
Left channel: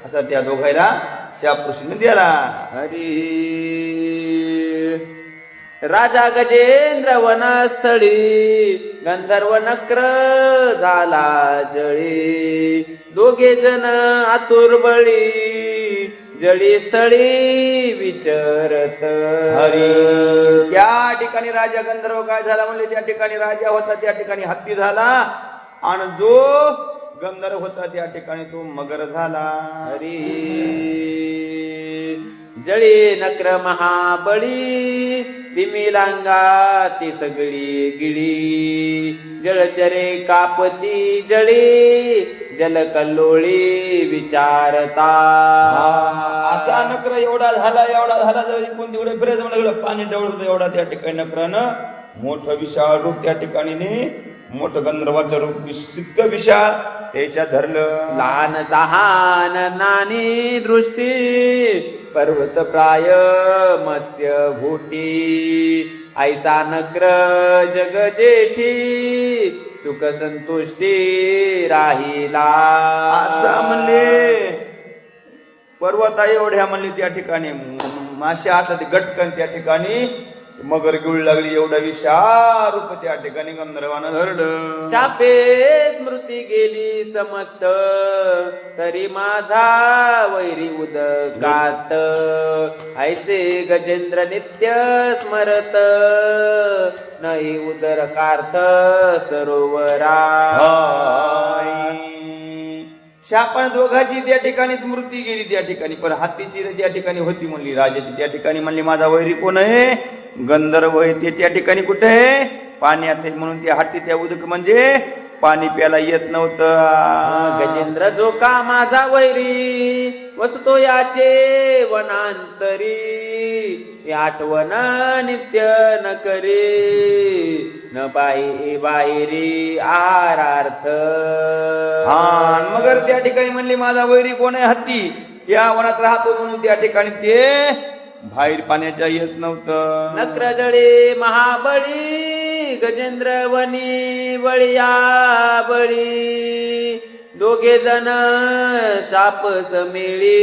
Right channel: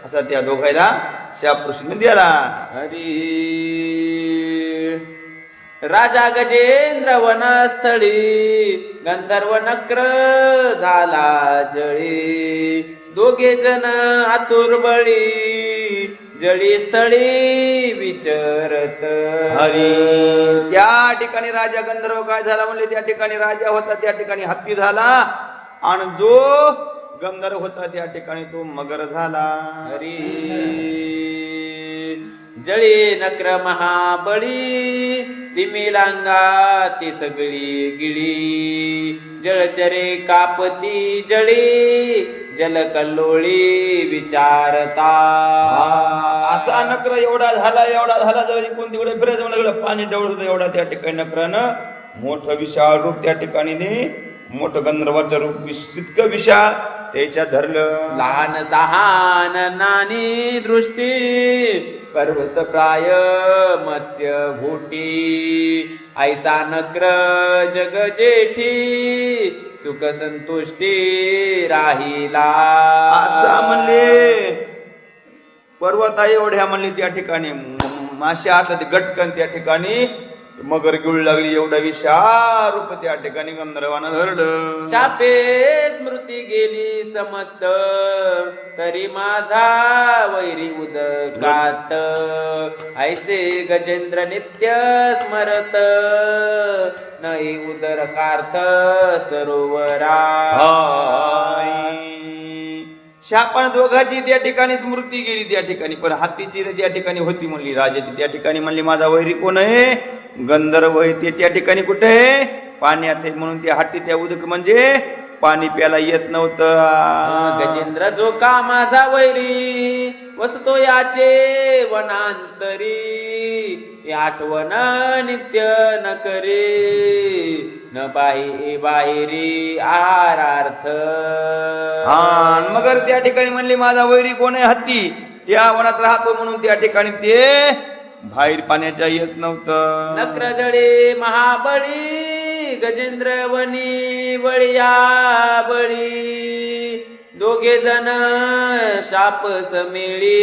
असा त्या दोघायला शाप ऋषीने दिला. हरी राजा गजेंद्र वनस्थळी गंधर्व नक्र झाला जळी दोघे जण आतुर बळी जळी स्थळी विचरत. हरी त्या ठिकाणी राजा गंधर्व काय झाला म्हणले त्या ठिकाणी राजा होता त्या ठिकाणी हत्ती झाला आणि जो गंधर्व होता त्या ठिकाणी तो मगर झाला. हरी जळी नक्र महाबळी तिमिलांगा ती सगळी गिळी जलचरे कापती जळी जलकल्लोळी विचारता. आता नकर एवढा झाला जर इकडून तिकडे फिरायचं म्हणलं पाणी डवळ होतं एवढा त्या ठिकाणी नकरानं मोठं विशाळ रूप त्या ठिकाणी मोठं गंधर्वाचं रूप इतकं विशाळ त्याच्या धरलं. लहान सहान नानी दृष्टी पर्वत प्राय मत्स्य घोटी ऐसा नक्र जग जेठी सुख संतुष्टी राहिला. असा म्हणले पर्वता एवढ्या म्हणले त्या ठिकाणी माशा हातात गटकन त्या ठिकाणी मगर गिळू लागली एवढा विशाल रूप त्या ठिकाणी गंधर्वानं धरलं. शापे स्मृती गेली समस्त तरी माझा वैरी उदकात ऐसे गजेंद्र नित्य स्मरत नाही उदरकार्थ सरोवरा. शापण दोघाची त्या ठिकाणी स्मृती गेली त्या ठिकाणी पण हत्तीची त्या ठिकाणी होती म्हणली राजाची त्या ठिकाणी म्हणली माझा वैरी कोण आहे गंधर्व आहे ते त्या ठिकाणी कुठे आहे पाण्यात आहे म्हणून त्या हत्ती त्या उदक म्हणजे पाणी प्यायला येत नव्हतं. गजेंद्र जो का माझा वैरी वसतो याचे वनांतरी आठवण नित्य न करे न बाहेरी आहारार्थ. मगर त्या ठिकाणी म्हणले माझा वैरी कोण आहे हत्ती त्या वनात राहतो म्हणून त्या ठिकाणी ते बाहेर पाण्याच्या येत नव्हतं. नक्र जळे महाबळी गजेंद्र वनी बळिया बळी दोघे जण शाप समिळी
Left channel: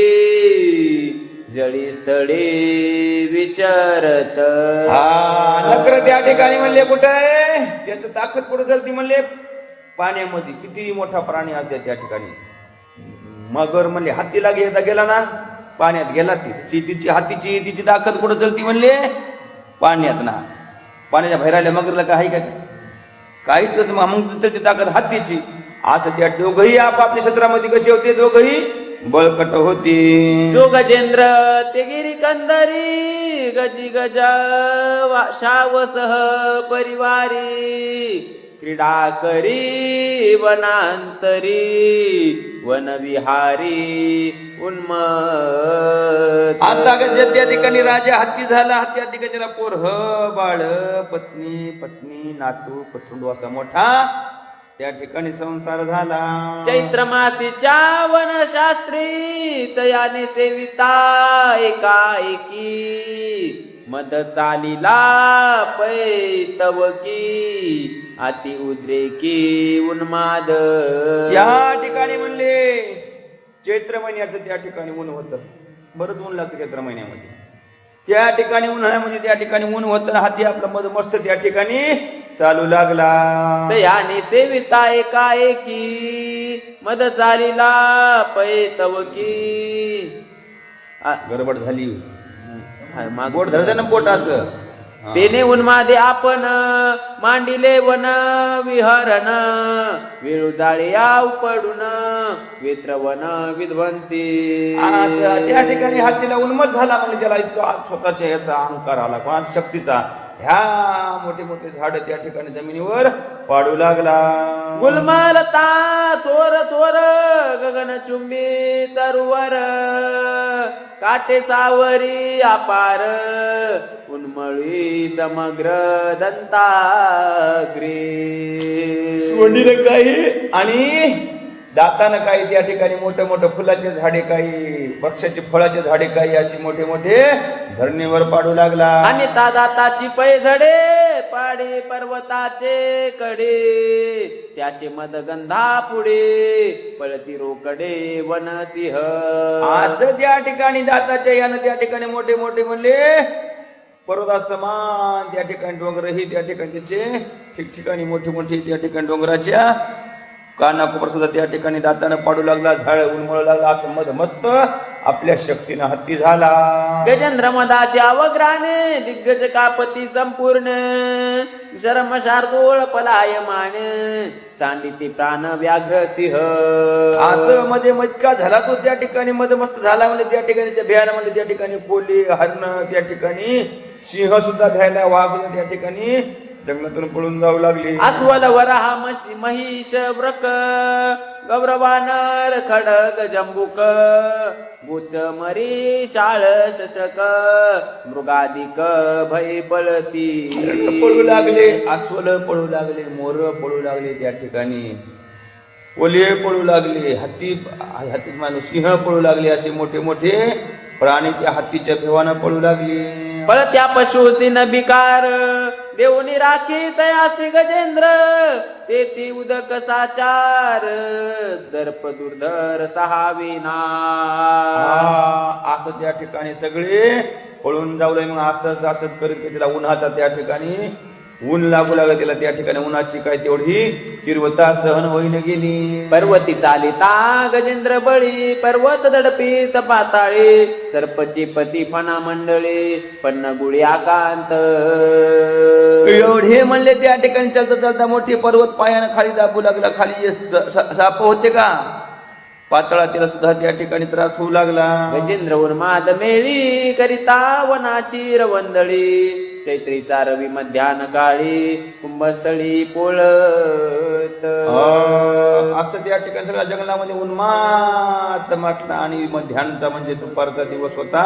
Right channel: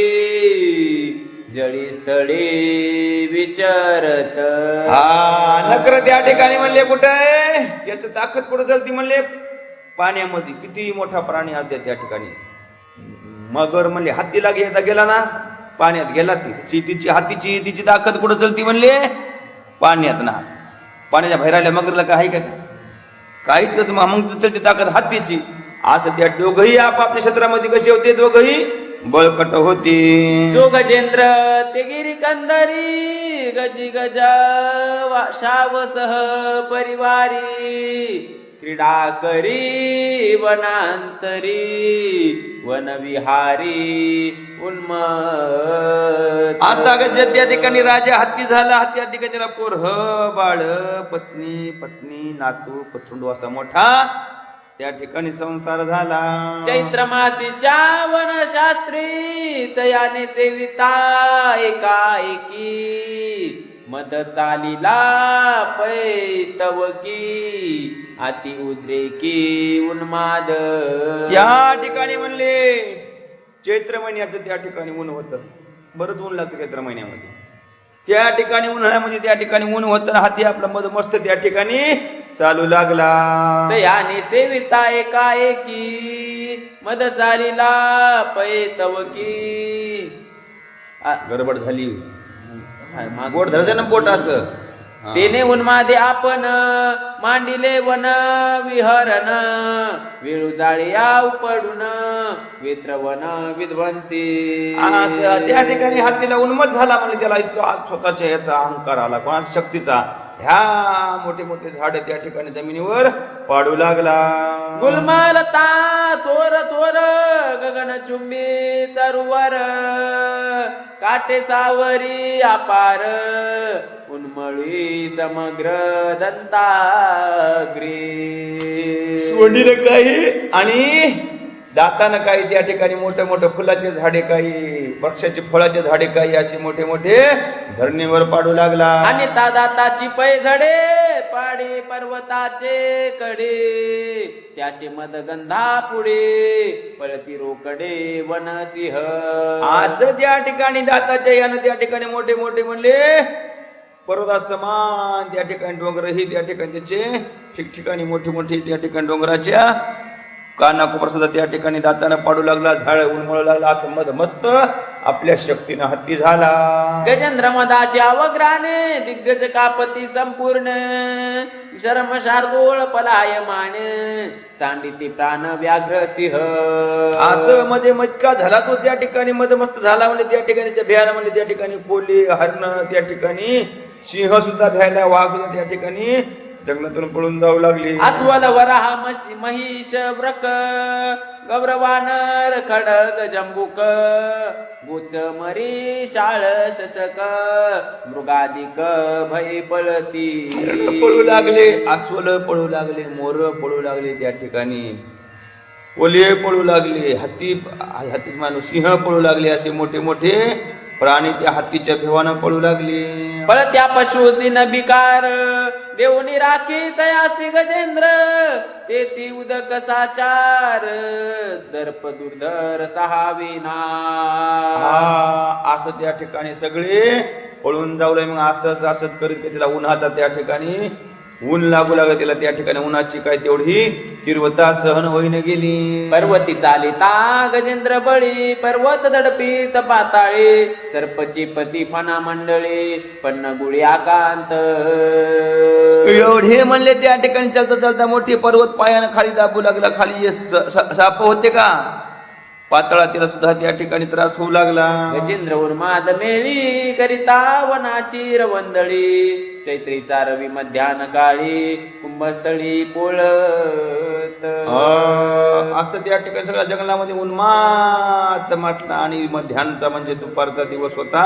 जळी स्थळी विचारत. नकर त्या ठिकाणी म्हणले कुठे आहे त्याचं ताकद कुठे चलती म्हणले पाण्यामध्ये किती मोठा प्राणी आहे त्या ठिकाणी. मगर म्हणले हत्तीला घेता गेला ना पाण्यात गेला तिची हत्तीची तिची ताकद कुठे चलती म्हणले पाण्यात ना पाण्याच्या बाहेर आल्या मगरला काय काय काहीच मग चलती ताकद हत्तीची. असं त्या दोघही आपापल्या क्षेत्रामध्ये कसे होते दोघही बळकट होती. जो गजेंद्र ते गिरी कंदरी गजी गजा शावसह परिवारी क्रीडा करी वनांतरी वनविहारी उन्मत्त. आता गज त्या ठिकाणी राजा हत्ती झाला त्या ठिकाणी त्याला पोर बाळ पत्नी नातू पतुंड असा मोठा त्या ठिकाणी संसार झाला. चैत्र मासीच्या वनशास्त्री तयाने सेविता एकाएकी मद चालिला पैतवकी अति उद्रेकी उन्माद. त्या ठिकाणी म्हणले चैत्र महिन्याचं त्या ठिकाणी ऊन होतं बरंच ऊन लागतं चैत्र महिन्यामध्ये त्या ठिकाणी उन्हाळ्यामध्ये त्या ठिकाणी ऊन होतं हाती आपलं मध मस्त त्या ठिकाणी चालू लागला. तयाने सेविता एकाएकी मद चालिला पैतवकी. गडबड झाली. माग- बोट धरते ना बोट असं. तेने उन्मादे आपण मांडिले वन विहरण वेळू जाळ्या उपडून वेत्रवन विध्वंसी. त्या ठिकाणी हत्तीला उन्मत झाला म्हणजे त्याला इतका स्वतःच्या याचा अहंकार आला कोणा शक्तीचा. ह्या मोठे मोठे झाड त्या ठिकाणी जमिनीवर पाडू लागला. गुलमलता थोर थोर गगन चुंबी तरुवर काटे सावरी अपार उन्मळी समग्र दंताग्री. वडील काही आणि दातानं काही त्या ठिकाणी मोठे मोठे फुलाचे झाडे काही वृक्षाचे फळाचे झाडे काही असे मोठे मोठे धरणीवर पाडू लागला. आणि दाताची पैझडे पाडी पर्वताचे कडे त्याचे मदगंधा पुढे पळती रोकडे वनसिंह. असं त्या ठिकाणी दाताच्या यानं त्या ठिकाणी मोठे मोठे म्हणले पर्वतासमान त्या ठिकाणी डोंगर ही त्या ठिकाणी त्याचे ठिकठिकाणी मोठी मोठी त्या ठिकाणी डोंगराच्या कानाकोपर सुद्धा त्या ठिकाणी दातानं पाडू लागला. झाड उन्मळू लागला. असं मध मस्त आपल्या शक्तीनं हत्ती झाला. गजेंद्र मदाच्या वग्राने दिग्गज कापती संपूर्ण शर्म शार्दूळ पलायमान सांडिती प्राण व्याघ्र सिंह. असं मध्ये मटका झाला तो त्या ठिकाणी मस्त झाला म्हणजे त्या ठिकाणी त्या भ्यायला म्हणजे त्या ठिकाणी कोली हरण त्या ठिकाणी सिंह सुद्धा भ्यायला वाघ त्या ठिकाणी जंगलातून पळून जाऊ लागली. अस्वल वराह महिष व्रक गौरवानर खडक जंबुक गुच मरी शाळ शशक मृगादिक भय पळती. पळू लागले. अस्वल पळू लागले. मोर पळू लागले त्या ठिकाणी. ओले पळू लागले. हत्ती माणूस सिंह पळू लागले. असे मोठे मोठे प्राणी त्या हत्तीच्या भेवानं पळू लागले. पळत्या पशुसी नबिकार देवनी राखी तयासी गजेंद्र तेती उदक साचार दर्प दुर्धर सहाविना. असं त्या ठिकाणी सगळे पळून जाऊ लागले. मग असंच असंच करीत त्याला उन्हाचा त्या ठिकाणी ऊन लागू लागलं त्याला. त्या ठिकाणी उन्हाची काय तेवढी तीव्रता सहन होईन गेली. पर्वती चालिता गजेंद्र बळी पर्वत दडपीत पाताळे सर्पची पती फणा मंडळी पन्न गुळी आकांत. एवढे म्हणले त्या ठिकाणी चालता चालता मोठी पर्वत पायानं खाली दाबू लागला. खाली साप होते का पातळा त्याला सुद्धा त्या ठिकाणी त्रास होऊ लागला. गजेंद्र उन्माद मेळी करिता वनाची रवंदळी चैत्रीचा रवी मध्यान काळी कुंभस्थळी पोळत. असं त्या ठिकाणी सगळ्या जंगलामध्ये उन्मात म्हटलं. आणि मध्यानचा म्हणजे दुपारचा दिवस होता.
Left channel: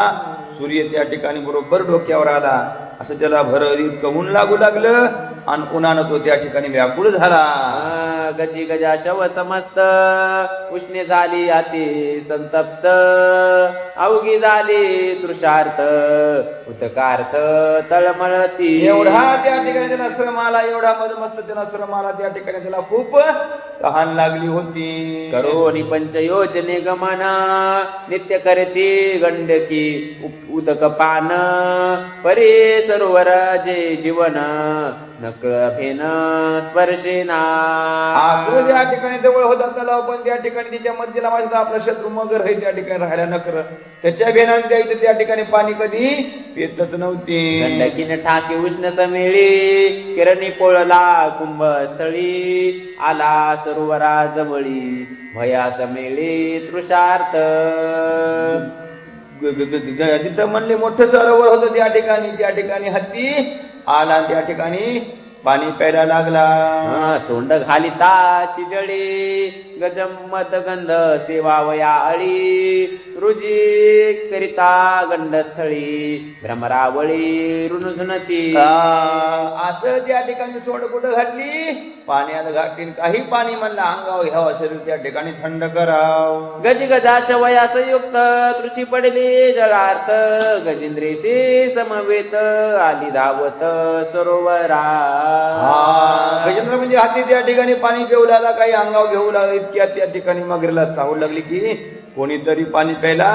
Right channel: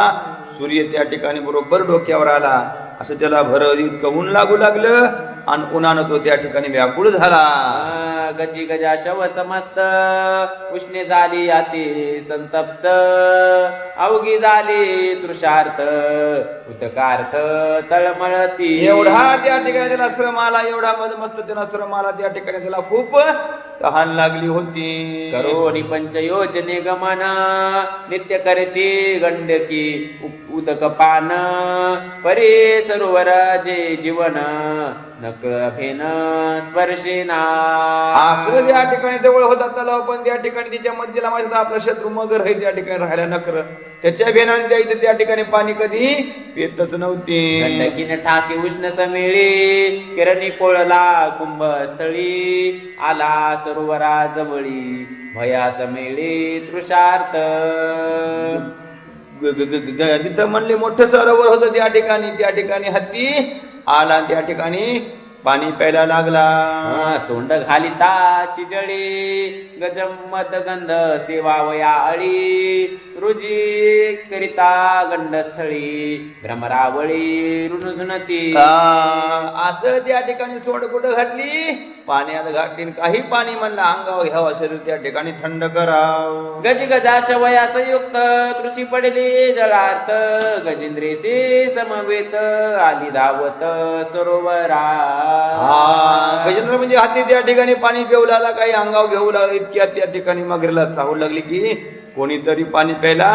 सूर्य त्या ठिकाणी बरोबर डोक्यावर आला. असं त्याला इतकं ऊन लागू लागलं आणि उन्हानं तो त्या ठिकाणी व्याकुळ झाला. गजी गजा शव समस्त उष्णे झाली अति संतप्त अवघी झाली तृषार्थ उतकार्थ तळमळती. एवढा त्या ठिकाणी त्याला श्रम आला. एवढा मस्त त्याला श्रम आला. त्या ठिकाणी त्याला खूप तहान लागली होती. करोनी पंचयोजने गमन नित्य करती गंडकी उदक पान परे सरोवर जे जीवन नक फेन स्पर्शेना. असं त्या ठिकाणी जवळ होता तलाव पण त्या ठिकाणी तिच्या मध्यला माहिती आपला शत्रू मगर हे त्या ठिकाणी राहायला नकर. त्याच्या बेनाने त्या इथे त्या ठिकाणी पाणी कधी येतच नव्हती. गंडकीने ठाके उष्ण समेळी किरणी पोळला कुंभस्थळी आला सरोवरा जवळी भया समेळी तृषार्थ. तिथं म्हणले मोठं सरोवर होतं त्या ठिकाणी. त्या ठिकाणी हत्ती आला. त्या ठिकाणी पाणी प्यायला लागला. सोंड घालिता चिजळी गजमत गंध सेवावया अळी रुजी करिता गंडस्थळी भ्रमरावळी रुणझुणती. असं त्या ठिकाणी सोंड कुठं घातली पाण्यात घातली. काही पाणी म्हणलं अंगावर घ्यावं शरीर त्या ठिकाणी थंड कराव. गज गजा शवया संयुक्त कृषी पडली जळार्थ गजेंद्रेसी समवेत आली धावत सरोवरा. गजेंद्र म्हणजे हाती त्या ठिकाणी पाणी पिऊ लागला. काही अंगावर घेऊ लागला. इतक्या त्या ठिकाणी मगरीला चावू लागली की कोणीतरी पाणी प्यायला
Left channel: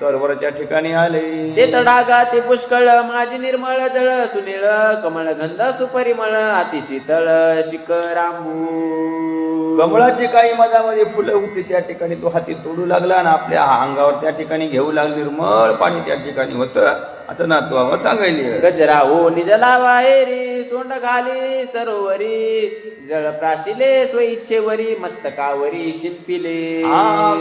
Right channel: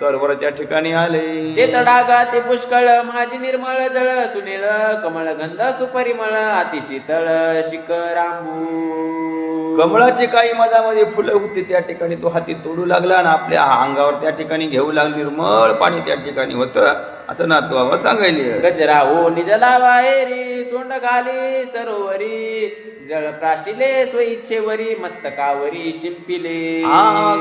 सरोवराच्या ठिकाणी आले. ते तडागा ते पुष्कळ माझी निर्मळ जळ सुनीळ कमळ गंध सुपरिमळ अति शीतळ शिखरांबू. कमळाची काही मधामध्ये फुलं होती त्या ठिकाणी तो हाती तोडू लागला आणि आपल्या अंगावर त्या ठिकाणी घेऊ लागला. निर्मळ पाणी त्या ठिकाणी होतं असं ना तो सांगायले. गजरा हो निजला वाहेरी सोंड घाली सरोवरी जळ प्राशिले स्वइच्छेवरी मस्तकावरी शिंपिले.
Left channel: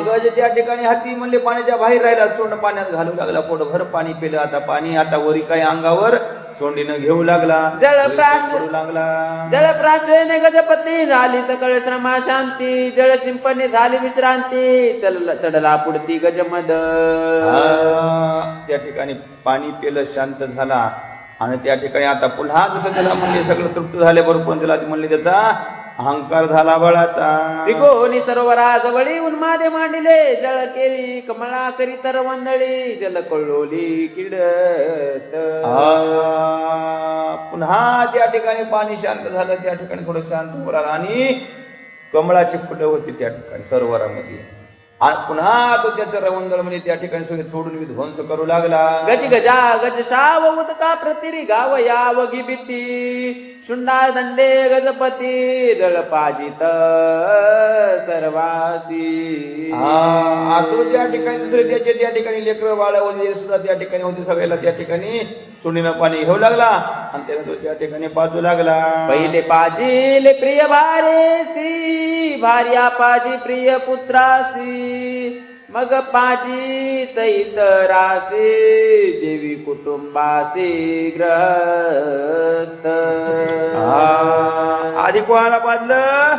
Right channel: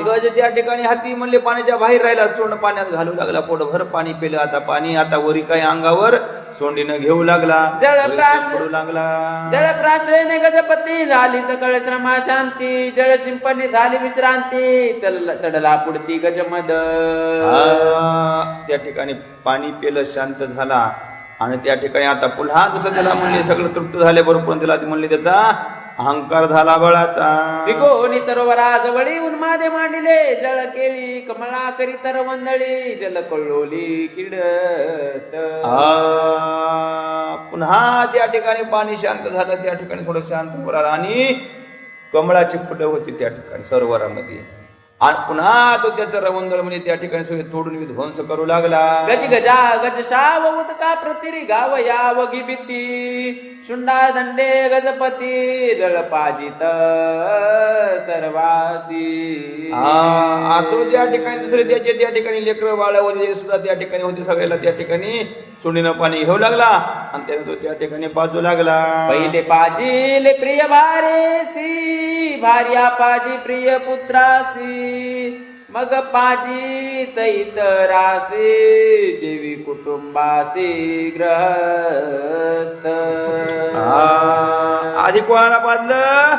गज त्या ठिकाणी हाती म्हणले पाण्याच्या बाहेर राहिला. सोंड पाण्यात घालू लागला. पोटभर पाणी पिलं. आता पाणी आता वरी काही अंगावर सोंडीनं घेऊ लागला. जळप्राश पडू लागला. जळप्राशन गजपती झाली सकळ श्रमा शांती जळ शिंपणे झाली विश्रांती चढला पुढती गजमद. त्या ठिकाणी पाणी पिलं शांत झाला आणि त्या ठिकाणी आता पुन्हा जसं त्याला म्हणले सगळं तृप्त झाल्याबरोबर त्याला म्हणले त्याचा अहंकार झाला बळाचा. विकोनी सरोवरा जवळी उन्मादे मांडिले जळ केली कमळा करी तर वंदळी जल कळोली किडत. पुन्हा त्या ठिकाणी पाणी शांत झालं. त्या ठिकाणी थोडं शांत होणार आणि कमळाची फुलं होती त्या ठिकाणी सरोवरामध्ये. आणि पुन्हा तो त्याचं रवंदर म्हणजे त्या ठिकाणी सगळे तोडून ध्वंस करू लागला. गज गजा गज शाव उदका प्रतिरी गाव यावगी भीती शुंडा दंडे गजपती जळ पाजित सर्वासी. असो त्या ठिकाणी दुसरे त्याचे त्या ठिकाणी लेकर बाळ वगैरे सुद्धा त्या ठिकाणी होते. सगळ्याला त्या ठिकाणी सुंडीनं पाणी घेऊ लागला आणि त्याने तो त्या ठिकाणी पाजू लागला. पहिले पाजिले प्रिय भारेसी भार्या पाजी प्रिय पुत्रासी मग पाजी तैतरासी जेवी कुटुंबासी ग्रहस्थ. आधी कोणाला पाजलं?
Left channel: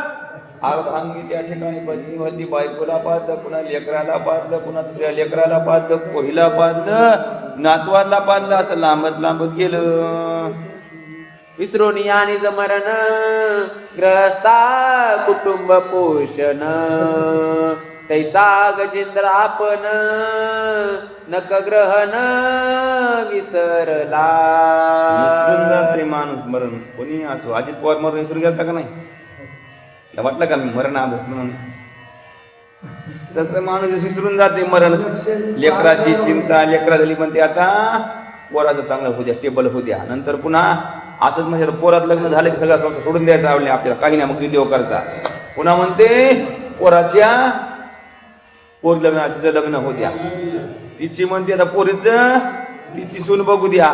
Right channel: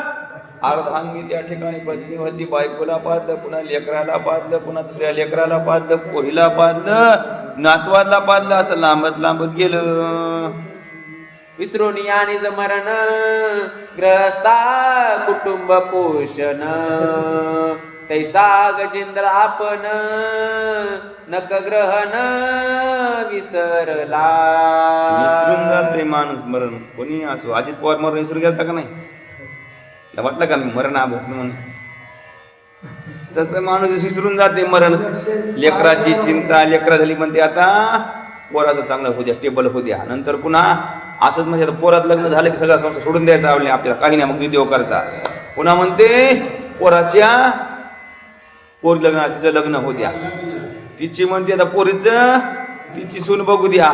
अर्धांगी त्या ठिकाणी पत्नी होती. बायकोला पाजलं, पुन्हा लेकराला पाजलं, पुन्हा दुसऱ्या लेकराला पाजलं, पोरीला पाजलं, नातवाला पाजलं. असं लांबत लांबत गेलं. विसरून आणि मरण ग्रहस्था कुटुंब पोषण तैसा गजेंद्र आपण नक ग्रहण विसरला. विसरून जाते माणूस मरण. कोणी असो. अजित पवार मरण विसरून गेलता का नाही? वाटलं का मी मरण आलं म्हणून? तसं माणूस विसरून जाते मरण. लेकराची चिंता लेकरा झाली म्हणते आता पोराचं चांगलं होऊ द्या, टेबल होऊ द्या. नंतर पुन्हा असंच म्हणजे पोरात लग्न झालं की सगळा संसार सोडून द्यायचा आवडले आपल्याला काही नाही. मग देव करता पुन्हा म्हणते पोराच्या पोरी लग्न तिचं लग्न होऊ द्या. तिची म्हणते आता पोरीचं तिची सून बघू द्या.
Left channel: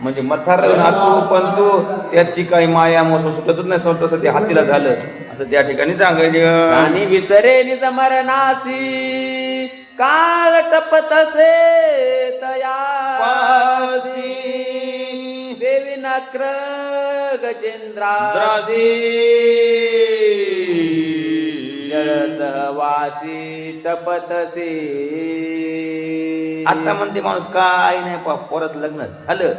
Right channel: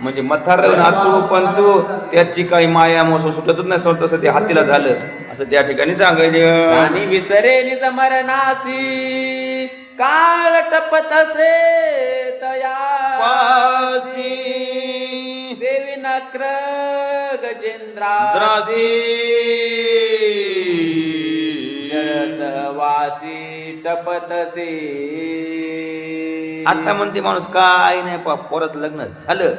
म्हणजे मथार नातू पण तू त्याची काही माया मोस सुटतच नाही. तसं ते हातीला झालं असं त्या ठिकाणी सांगायचं. आणि विसरे निज मरणासी काळ टपतसे तयासी देवी नक्र गजेंद्रासी जलसहवासी तपतसे. आता म्हणते माणूस काय नाही परत लग्न झालं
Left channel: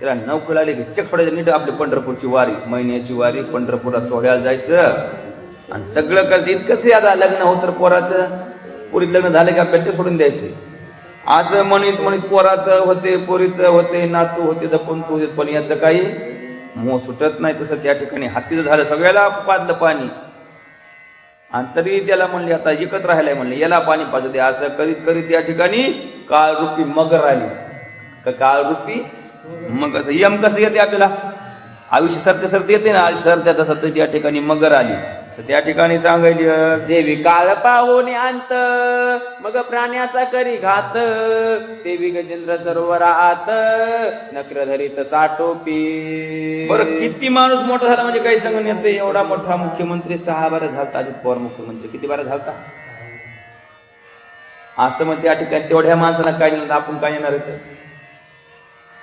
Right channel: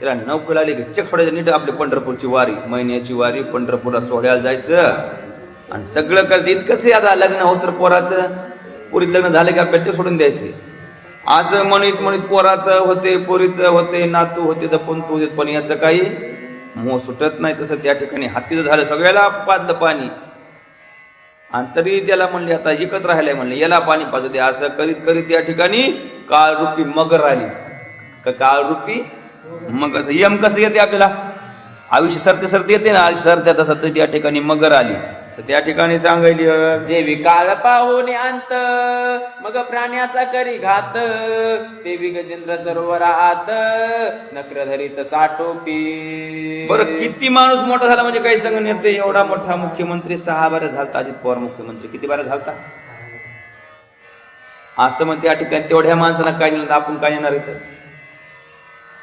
त्याला नोकरी आली की चक पडायचं नीट आपली पंढरपूरची वारी महिन्याची वारी पंढरपूरला सोहळ्याला जायचं आणि सगळं करायचं. इतकंच आहे आता लग्न होत तर पोराचं पोरीत लग्न झाले का पेच सोडून द्यायचे. असं म्हणत म्हणत पोराचं होते पोरीचं होते नातू होते जपून तू पण याचं काही मोह सुटत नाही. तसं त्या ठिकाणी हातीचं झालं. सगळ्याला पाजलं पाणी आणि तरी त्याला म्हणले आता एकत्र राहायला म्हणले याला पाणी पाजू दे. असं करीत करीत त्या ठिकाणी काळरूपी मगर आली. का काळरूपी मग कसं यम कसं येते आपल्याला आयुष्य सरते सरते येते ना सरत्या तसं त्या ठिकाणी मगर आली. त्या ठिकाणी सांगायली जेवी काळ पाहून अंत मग प्राण्याचा करी घात देवी गजेंद्र सरोवरा आत नक्र धरीत साठोपी. बरं किती माणूस मोठा झाला म्हणजे काही सांगून येते. एवढा मोठा मुख्यमंत्री 6 बारा झालता. अजित पवार मुख्यमंत्री किती बारा झालता असं मग त्या ठिकाणी तेवढ्या माणसाला काय नाही आपण काय येणार इथं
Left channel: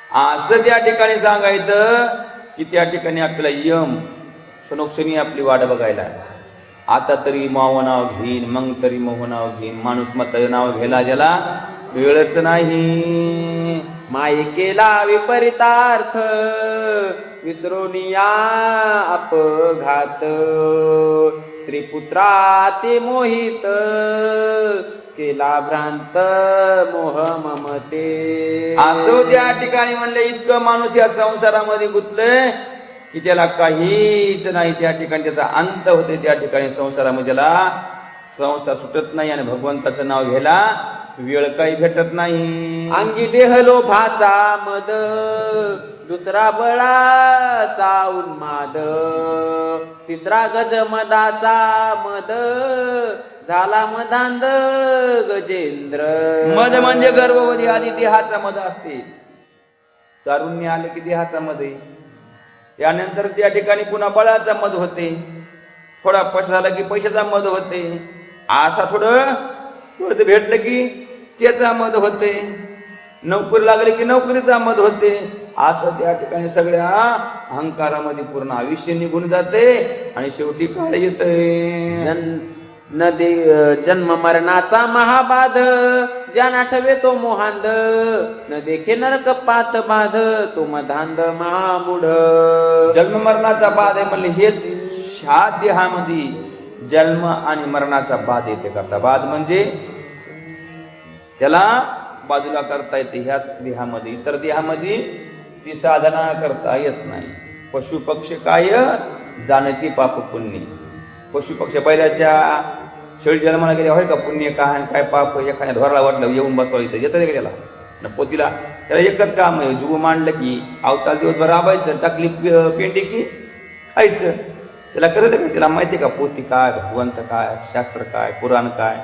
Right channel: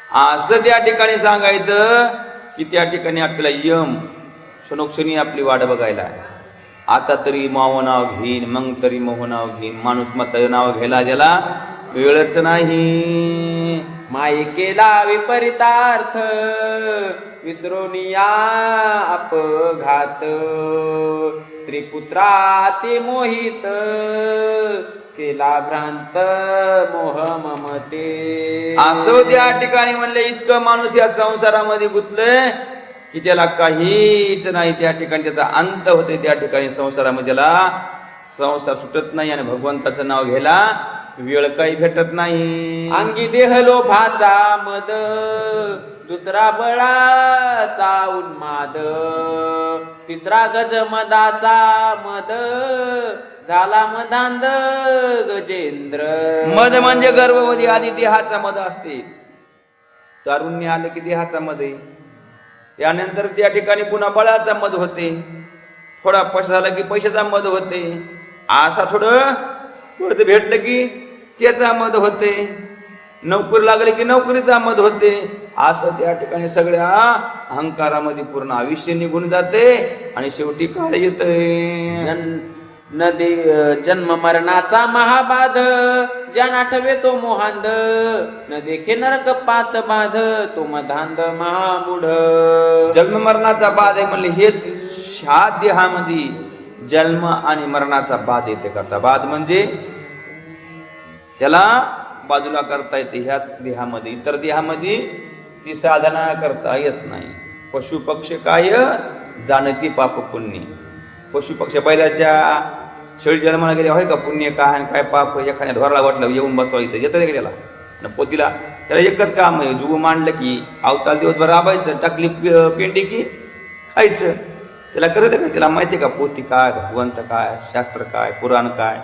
असं त्या ठिकाणी सांगायचं की त्या ठिकाणी आपल्याला यम क्षणोक्षणी आपली वाट बघायला. आता तरी माव नाव घेईन मग तरी मोह नाव घेईन. माणूस मत नाव घ्यायला गेला वेळच नाही. मायेकेला विपरीतार्थ विसरून या अपघात स्त्री पुत्रा ते मोहित केला भ्रांत मोह ममते. असं त्या ठिकाणी म्हणले इतकं माणूस या संसारामध्ये गुंतलंय की त्याला काहीच नाही. त्या ठिकाणी त्याचा अंत होते. त्या ठिकाणी संसारामध्ये त्याला संसार सुटत नाही आणि भगवंताचं नाव घ्यायला वेळ काही भेटत नाही. अंगी देह लोभाचा मद, दुसरा बळाचा उन्माद, तिसरा गजमदाचा मद, झाला मदांध गजेंद्र. मद म्हणजे गर्भवती आधी देहाचा मद असते. तारुण्य आलं की देहाचा मद आहे. त्यानंतर त्या ठिकाणी पुन्हा बळाचा मद होते. थोडा पैसा झाला की पैशाचा मद होते. असा थोडं भेटलं की त्याचा मद होते. नोकरी लागली की नोकरीचा मद होते. असं त्या ठिकाणी सगळ्या अहंकारामध्ये पूर्ण आयुष्य निघून जाते आणि शेवटी काळ येते. जन्म मरणाचा महाबाध, ज्यांना ठेवे तो मोहांध, न देखे नरक पात बाध, तो मधांध महामूढ. जन्म मरणाचा बाध आहे म्हणले हेच ह्या देहामध्ये जन्म आणि मरणाचा बाध येते करता. बाध म्हणजे त्याला बाजूला करता येते ह्याच देहामध्ये. इतर देहामध्ये ती साधना करता येत नाही. पशु पक्षी काय जाणती पाप पुण्य. पशु पक्षी बैलाच्या शेळी जन्माला गेले होय का पुण्य काय आणि काय पाप. एखाद्या ढोराला वाटलं येऊन बसवायचं येतं तरी गेला न पोतीला. त्याला एकच काम आहे, जुगू मांडलं की अवतार दिवसभर राबायचं, टाकली पेंडी की खायचं. त्याला करत का? त्याला माहिती आहे का पोती काय, भगवंत काय, शास्त्र काय, पुराण काय.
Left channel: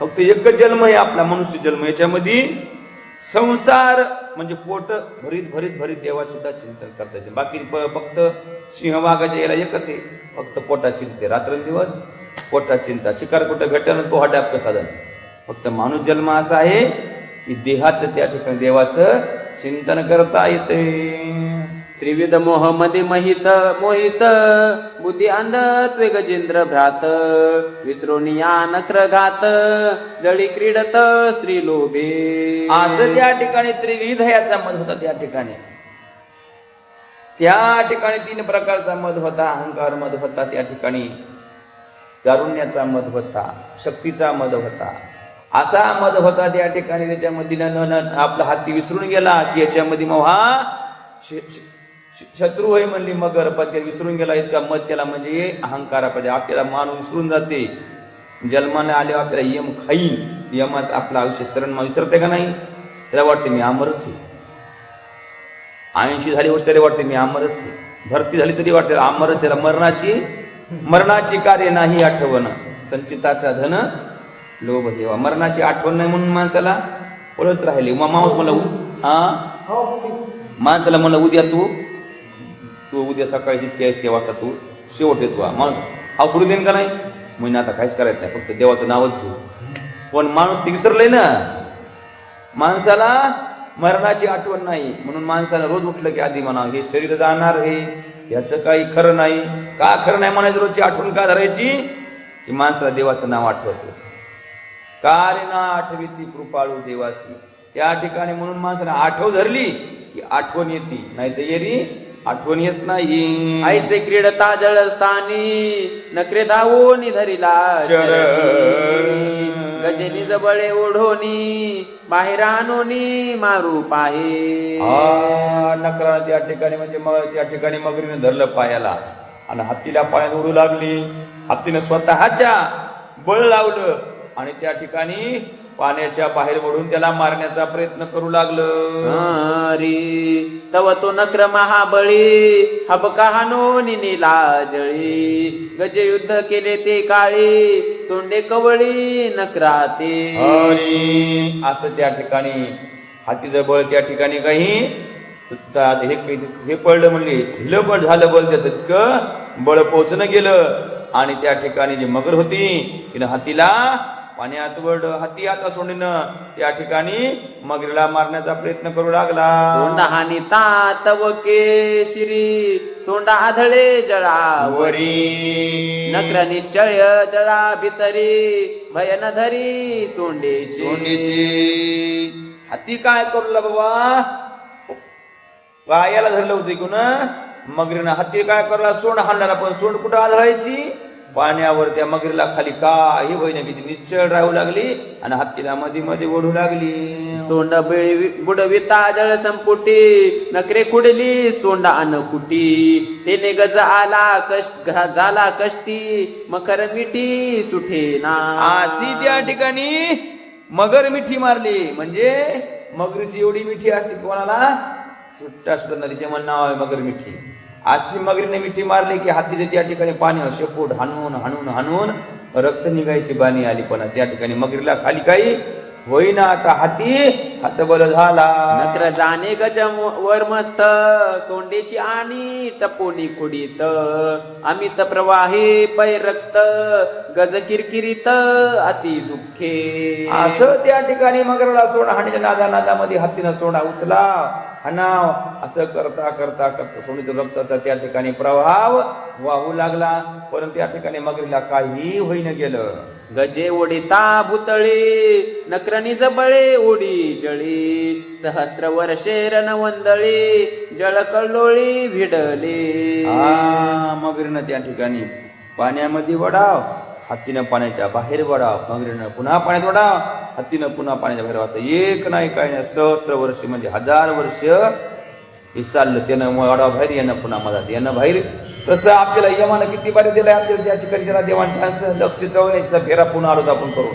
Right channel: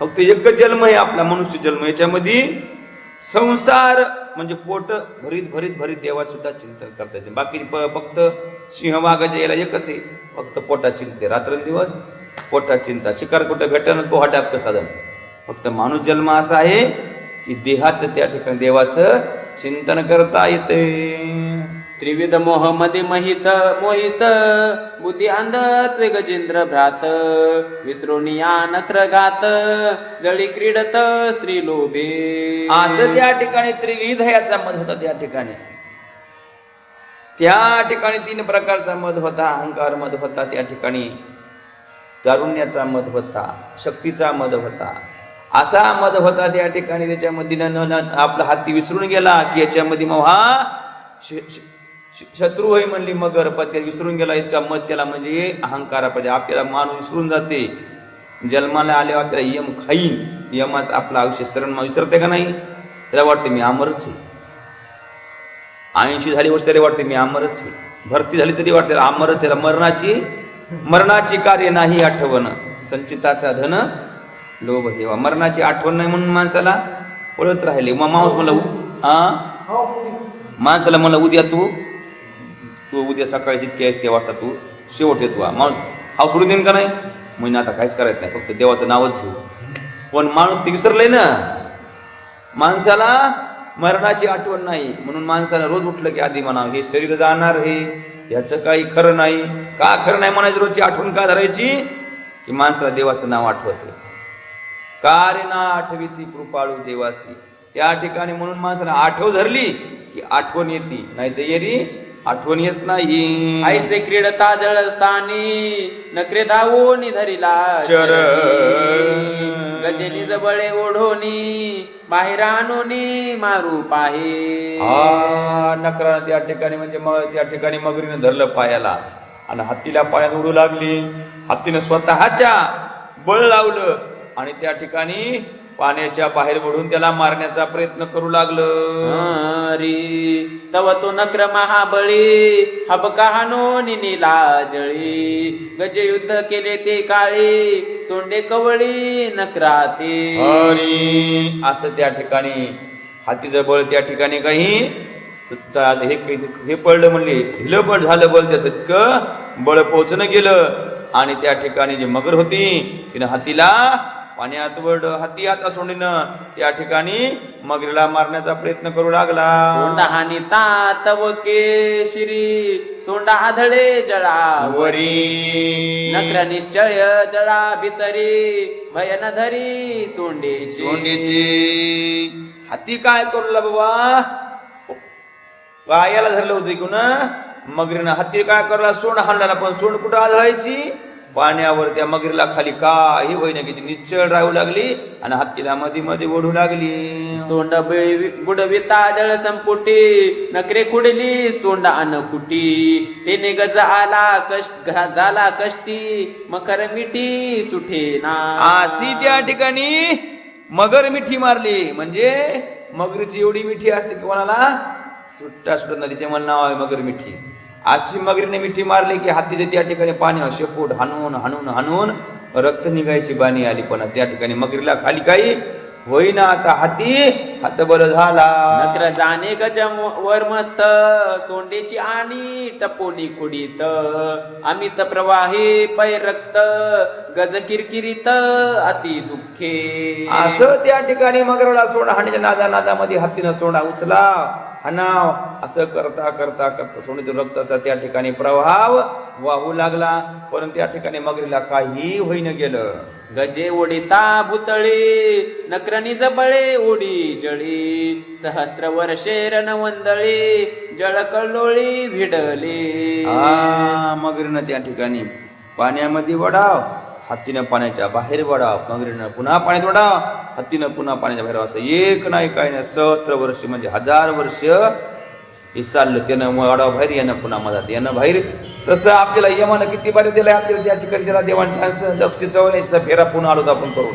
फक्त एकच जन्म आहे आपला मनुष्य जन्म. याच्यामध्ये संसार म्हणजे पोट भरीत भरीत भरीत देवा सुद्धा चिंतन करता येते. बाकी फक्त सिंहवाघाच्या याला एकच आहे, फक्त पोटा चिंते. रात्रंदिवस पोटा चिंता. शिकार कुठं भेटन तो हा टापकं साधन. फक्त माणूस जन्म असा आहे की देहाचं त्या ठिकाणी देवाचं चिंतन करता येते. त्रिविध मोह मध्ये मोहित, बुद्धी अंधत्वे गजेंद्र भ्रात, विसरोनिया नखर घात, जळी क्रीडत स्त्री लोभे. असं त्या ठिकाणी त्रिविध याचा मध होता. त्या ठिकाणी 3 प्रकारचा मध होता. अहंकार मध होता, त्या ठिकाणी तारुण्याचा मध होता, शक्तीचा मध होता. असा मध होता त्या ठिकाणी. त्याच्यामध्ये आपला हाती विसरून गेला की याच्यामध्ये मग हा शत्रू होय म्हणली मगर, पण ते विसरून गेला इतका मध त्याला. म्हणजे अहंकारामध्ये आपल्याला माणूस विसरून जाते. जन्माला आल्यावर आपल्याला यम खाईन, यमात आपलं आयुष्य शरण विसरते का नाही. त्याला वाटते मी अमरच आहे. 80 झाली वर्ष त्याला वाटते मी अमरच आहे. भरती झाली तरी वाटते अमरच. त्याला मरणाची कार्य नाही आठवण, संचिताचा धन लोभ हेवा. मरणाची आठवण नाही म्हणून माणसाला पळत राहिले. मग माणूस माणसाला म्हणलं उद्या तू उद्या सकाळी जितके वाटता तू शेवट येतो. माणूस हा सोडू देईन का नाही. म्हणजे आता काहीच करायचं नाही, फक्त देवाचं नावच घेऊ. पण माणूस ते विसरलंय ना. माणसाला मरणाची आठवण नाही म्हणून माणसाला रोज उठलं की आधी म्हणावं हे शरीर जाणार हे, याचं काही खरं नाही. का खरं नाही म्हणायचं? रोजची आठवण का धरायची की माणसाला देवाचं नाव आठवतं. का रे ना आठवी ती कृपाळू देवाची. त्या ठिकाणी म्हणून माणसाला आठव धरली की आठवण येते, नाही तर येरी आठवण येत नाही. ऐसे क्रीडता जळस्थानी, नकरे धावून धरिला गजेनी जबळे ओढोनी, बाहेर आणोनी मारू पाहे. नका त्या ठिकाणी म्हणजे त्या ठिकाणी मगरीने धरलं पायाला आणि हत्तीला पायात उडू लागली. हत्तीनं स्वतःच्या बळ लावलं आणि त्या ठिकाणी पाण्याच्या बाहेर ओढून त्याला मारण्याचा प्रयत्न करू लागलं. तव तो नक्र महाबळी, हबका हानोनी नीला जळी, गजे युद्ध केले ते काळी, सोंडे कवळी नक्राते. असं त्या ठिकाणी हातीचं बळ त्या ठिकाणी काही हे पडलं म्हणजे हिलं बळ झालं. बळ त्याचं इतकं बळ पोचणं गेलं आणि त्या ठिकाणी जी मगर होती तिनं हातीला पाण्यात वळलं. हाती आता सोडणं त्या ठिकाणी मगरीला मारण्याचा प्रयत्न करू लागला. सोंडा हानी तातव केशिरी, सोंडा आधळे जळावरी, नक्र निश्चय जळा भितरी, भयन धरी सोंडेची. हाती काय करू लागला बाबा? पायाला धरलं होतं की ना मगरीनं. हाती काय करला? सोंड हाणला. पण सोंड कुठं आधळायची? पाण्यावर. त्या मगरीला खाली काही होईना किती निश्चळ राहू लागली आणि हत्तीला मध्ये मध्ये ओढू लागली. सोंड बुडविता जळ संपुटी, नकरे कुडली सोंडा अनकुटी, तेने गज आला झाला कष्टी, मकर मिठी सुठे ना. अशी त्या ठिकाणी मगर मिठी मारली. म्हणजे मगरीची एवढी मिठी असते कोणाला सुट्टा सुटत नदीचे मला नाव आहे मगर मिठी. अशी मगरीने मिठी मारली की हत्तीच्या त्या ठिकाणी पाणी शेपूट हाणून हाणून हाणून रक्त निघायची बाणी आली. पण त्या ठिकाणी मगरीला खाली काही होईना. आता हाती हतबल झाला. नक्र जाणे गज वर मस्त सोंडेची आणि टपोनी खुडीत अमित प्रवाही पै रक्त गज किरकिरीत अति दुःखे. असं त्या ठिकाणी मगरला सोडा हाणीच्या नादामध्ये हत्तीनं सोडा उचला हनाव असं करता करता करता सोडीच्या रक्ताचा त्या ठिकाणी प्रवाह वाहू लागला. पण त्या ठिकाणी मगरीला काही होईन गेलं. गजे ओढिता भुतळी नक्रनी जबळे ओढी जळी सहस्त्र वर्षे रणवंदळी जळ कल्लोळी भिडली. मगरीनं त्या ठिकाणी पाण्यामध्ये वडाव हत्तीनं पाण्याच्या बाहेर वडाव. मगरीनं पुन्हा पाण्यात वडाव हत्तीनं पुन्हा पाण्याच्या बाहेर. असं एक नाही काही नाही सहस्त्र वर्ष म्हणजे 1000 वर्ष हे चाललं. त्यानं वडाव बाहेर यानं पुन्हा मधात यानं बाहेर. तसं आपल्याला यमानं किती बारी दिलाय आपल्याला त्या ठिकाणी त्याला देवांचा 184 फेरा पुन्हा आलो आपण करून.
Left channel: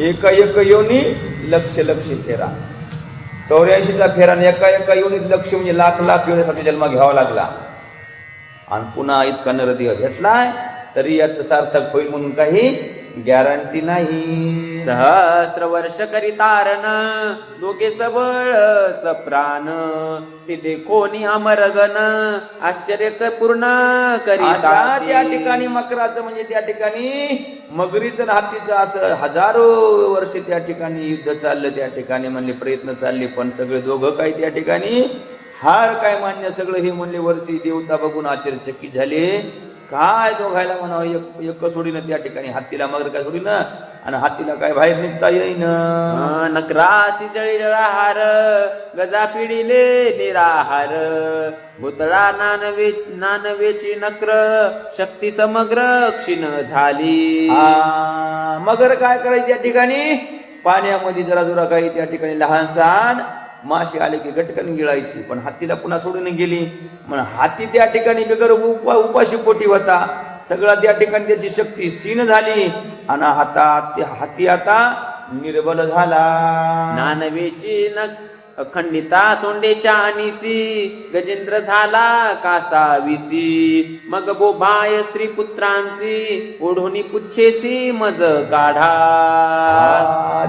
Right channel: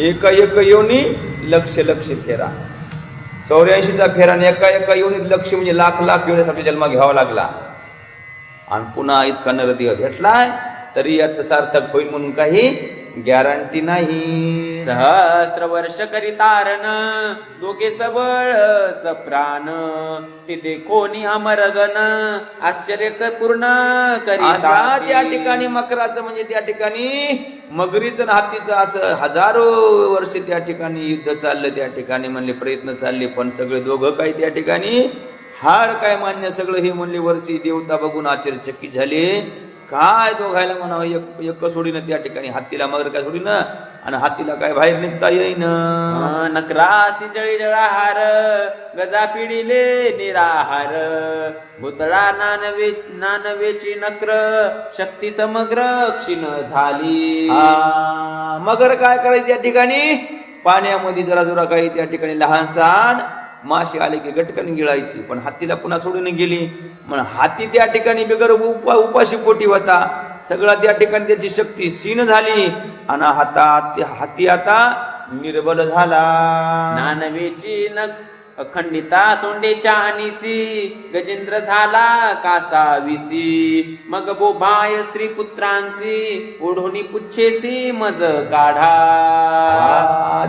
एका योनी लक्ष फेरा 84चा फेरा आणि एका योनीत लक्ष म्हणजे लाख योनीसाठी जन्म घ्यावा लागला. आणि पुन्हा इतका नरदेह घेतलाय तरी याचं सार्थक होईल म्हणून काही गॅरंटी नाही. सहस्त्र वर्ष करितारण दोघे सबळ सप्राण तिथे कोणी अमरगण आश्चर्य पूर्ण असा त्या करी. ठिकाणी मकराचं म्हणजे त्या ठिकाणी मगरीचं आणि हत्तीचं असं हजारो वर्ष त्या ठिकाणी युद्ध चाललं. त्या ठिकाणी म्हणले प्रयत्न चालले पण सगळे दोघं काही त्या ठिकाणी हार काय मान्य. सगळं हे म्हणले वरची देवता बघून आश्चर्यचकित झाले. काय दोघायला म्हणावं एक सोडीनं त्या ठिकाणी हत्तीला मगर काय सोडीनं आणि हत्तीला काय बाहेर निघता येईन. नक्रासी जळी जळाहार गजा पिढीले निराहार भूतळा नानवेची नक्र शक्ती समग्र क्षीण झाली. मगर काय करायची त्या ठिकाणी पाण्यामध्ये जरा जरा काही त्या ठिकाणी लहान सहान मासे आले की गटकन गिळायची. पण हत्तीला पुन्हा सोडून गेली. म्हणून हाती त्या ठिकाणी बिगर उपाशी पोटी होता. सगळा त्या ठिकाणी त्याची शक्ती क्षीण झाली आणि हाती आता निर्बल झाला. नानवेची अखंडिता सोंडेच्या अनिसी गजेंद्र झाला कासाविसी मग बोभाय स्त्री पुत्रांसी ओढोनी पुच्छेसी मज काढा.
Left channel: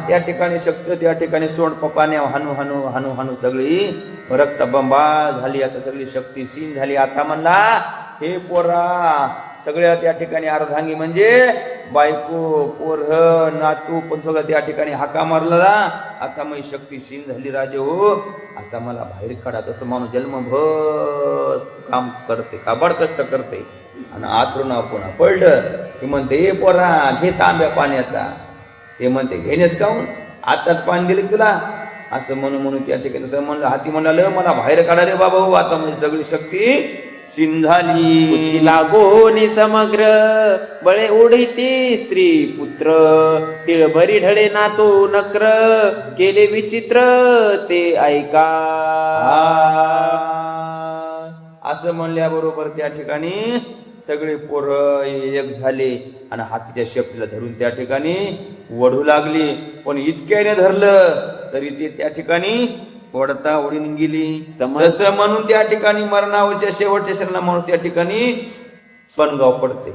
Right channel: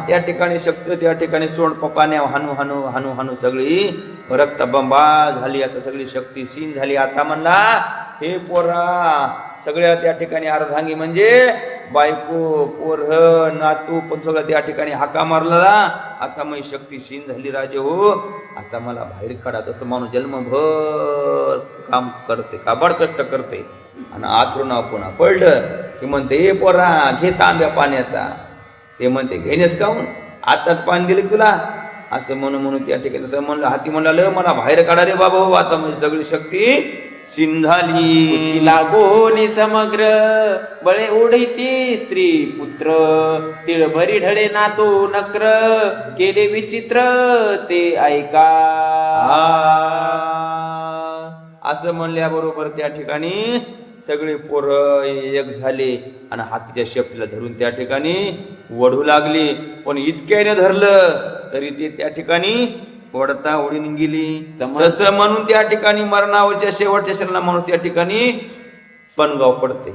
त्या ठिकाणी शक्ती त्या ठिकाणी सोड पपाने हानू हानू हानू हानू सगळी रक्तबंबा झाली. आता सगळी शक्ती क्षीण झाली. आता म्हणला हे पोरा सगळ्या त्या ठिकाणी अर्धांगी म्हणजे बायको पोरह नातू पण सगळं त्या ठिकाणी हाका मारला. आता मग शक्ती क्षीण झाली राजे हो. आता मला बाहेर काढा. तसं माणूस जन्मभर काम करते काबाड कष्ट करते आणि आचरून पुन्हा पडलं की म्हणते हे पोरा घे तांब्या पाण्याचा. ते म्हणते घेण्यास काऊन आताच पाणी दिले तुला असं म्हणून त्या ठिकाणी तसं म्हणलं. हाती म्हणलं मला बाहेर काढा रे बाबा हो. आता म्हणजे सगळी शक्ती क्षीण झाली. लागोनी समग्र बळे ओढीती स्त्री पुत्र तिळभरी ढळे नातो नक्र केले विचित्र ते ऐका. असं म्हणल्याबरोबर त्या ठिकाणी सगळे पोरं एक झाले आणि हातीच्या शेपटीला धरून त्या ठिकाणी वढू लागली. पण इतक्याने धरलं तरी ते त्या ठिकाणी ओढता ओढून गेली. तसं म्हणून त्या ठिकाणी मरणावरच्या शेवटच्या क्षणाला माणूस त्या ठिकाणी पणगाव पडते.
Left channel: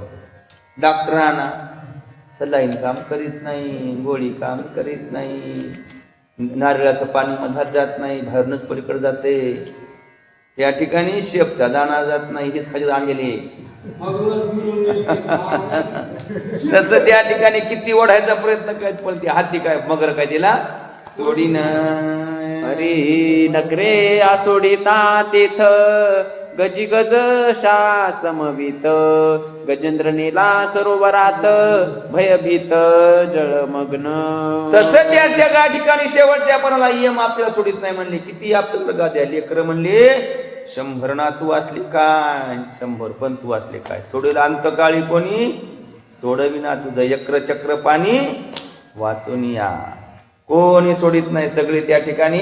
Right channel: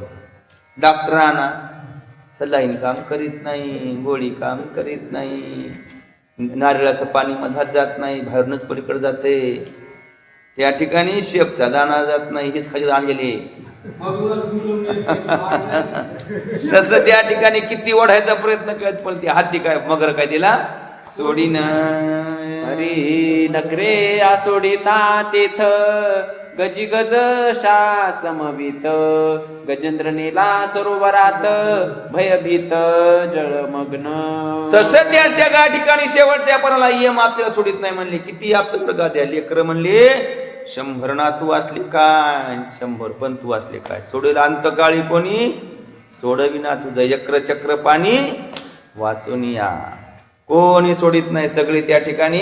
डॉक्टरांना सलाईन काम करीत नाही, गोळी काम करीत नाही, नारळाचं पाणी मधात जात नाही, बाहेरूनच पलीकडे जाते. त्या ठिकाणी शेपचा दाणा जात नाही, हेच खाली आणलेले. तसं त्या ठिकाणी किती ओढायचा प्रयत्न करत पण ते हाती काय मगर काय दिला सोडीन. अरे नकरे आसोडिता तेथ गजी गज शा समवित गजेंद्र नेला सरोवरात भयभीत जळमग्न. तसं त्या सगळ्या ठिकाणी शेवटच्या पणाला यम आपल्याला सोडित नाही म्हणले. किती आपलं का द्या लेकर म्हणले 100 ना तू असली काय 100 पण तू असले काय सोडेल अंतकाळी कोणी सोडली ना तुझं यक्र चक्र पाणी वाचून या. कोणी सोडित नाही. सगळे त्या ठिकाणी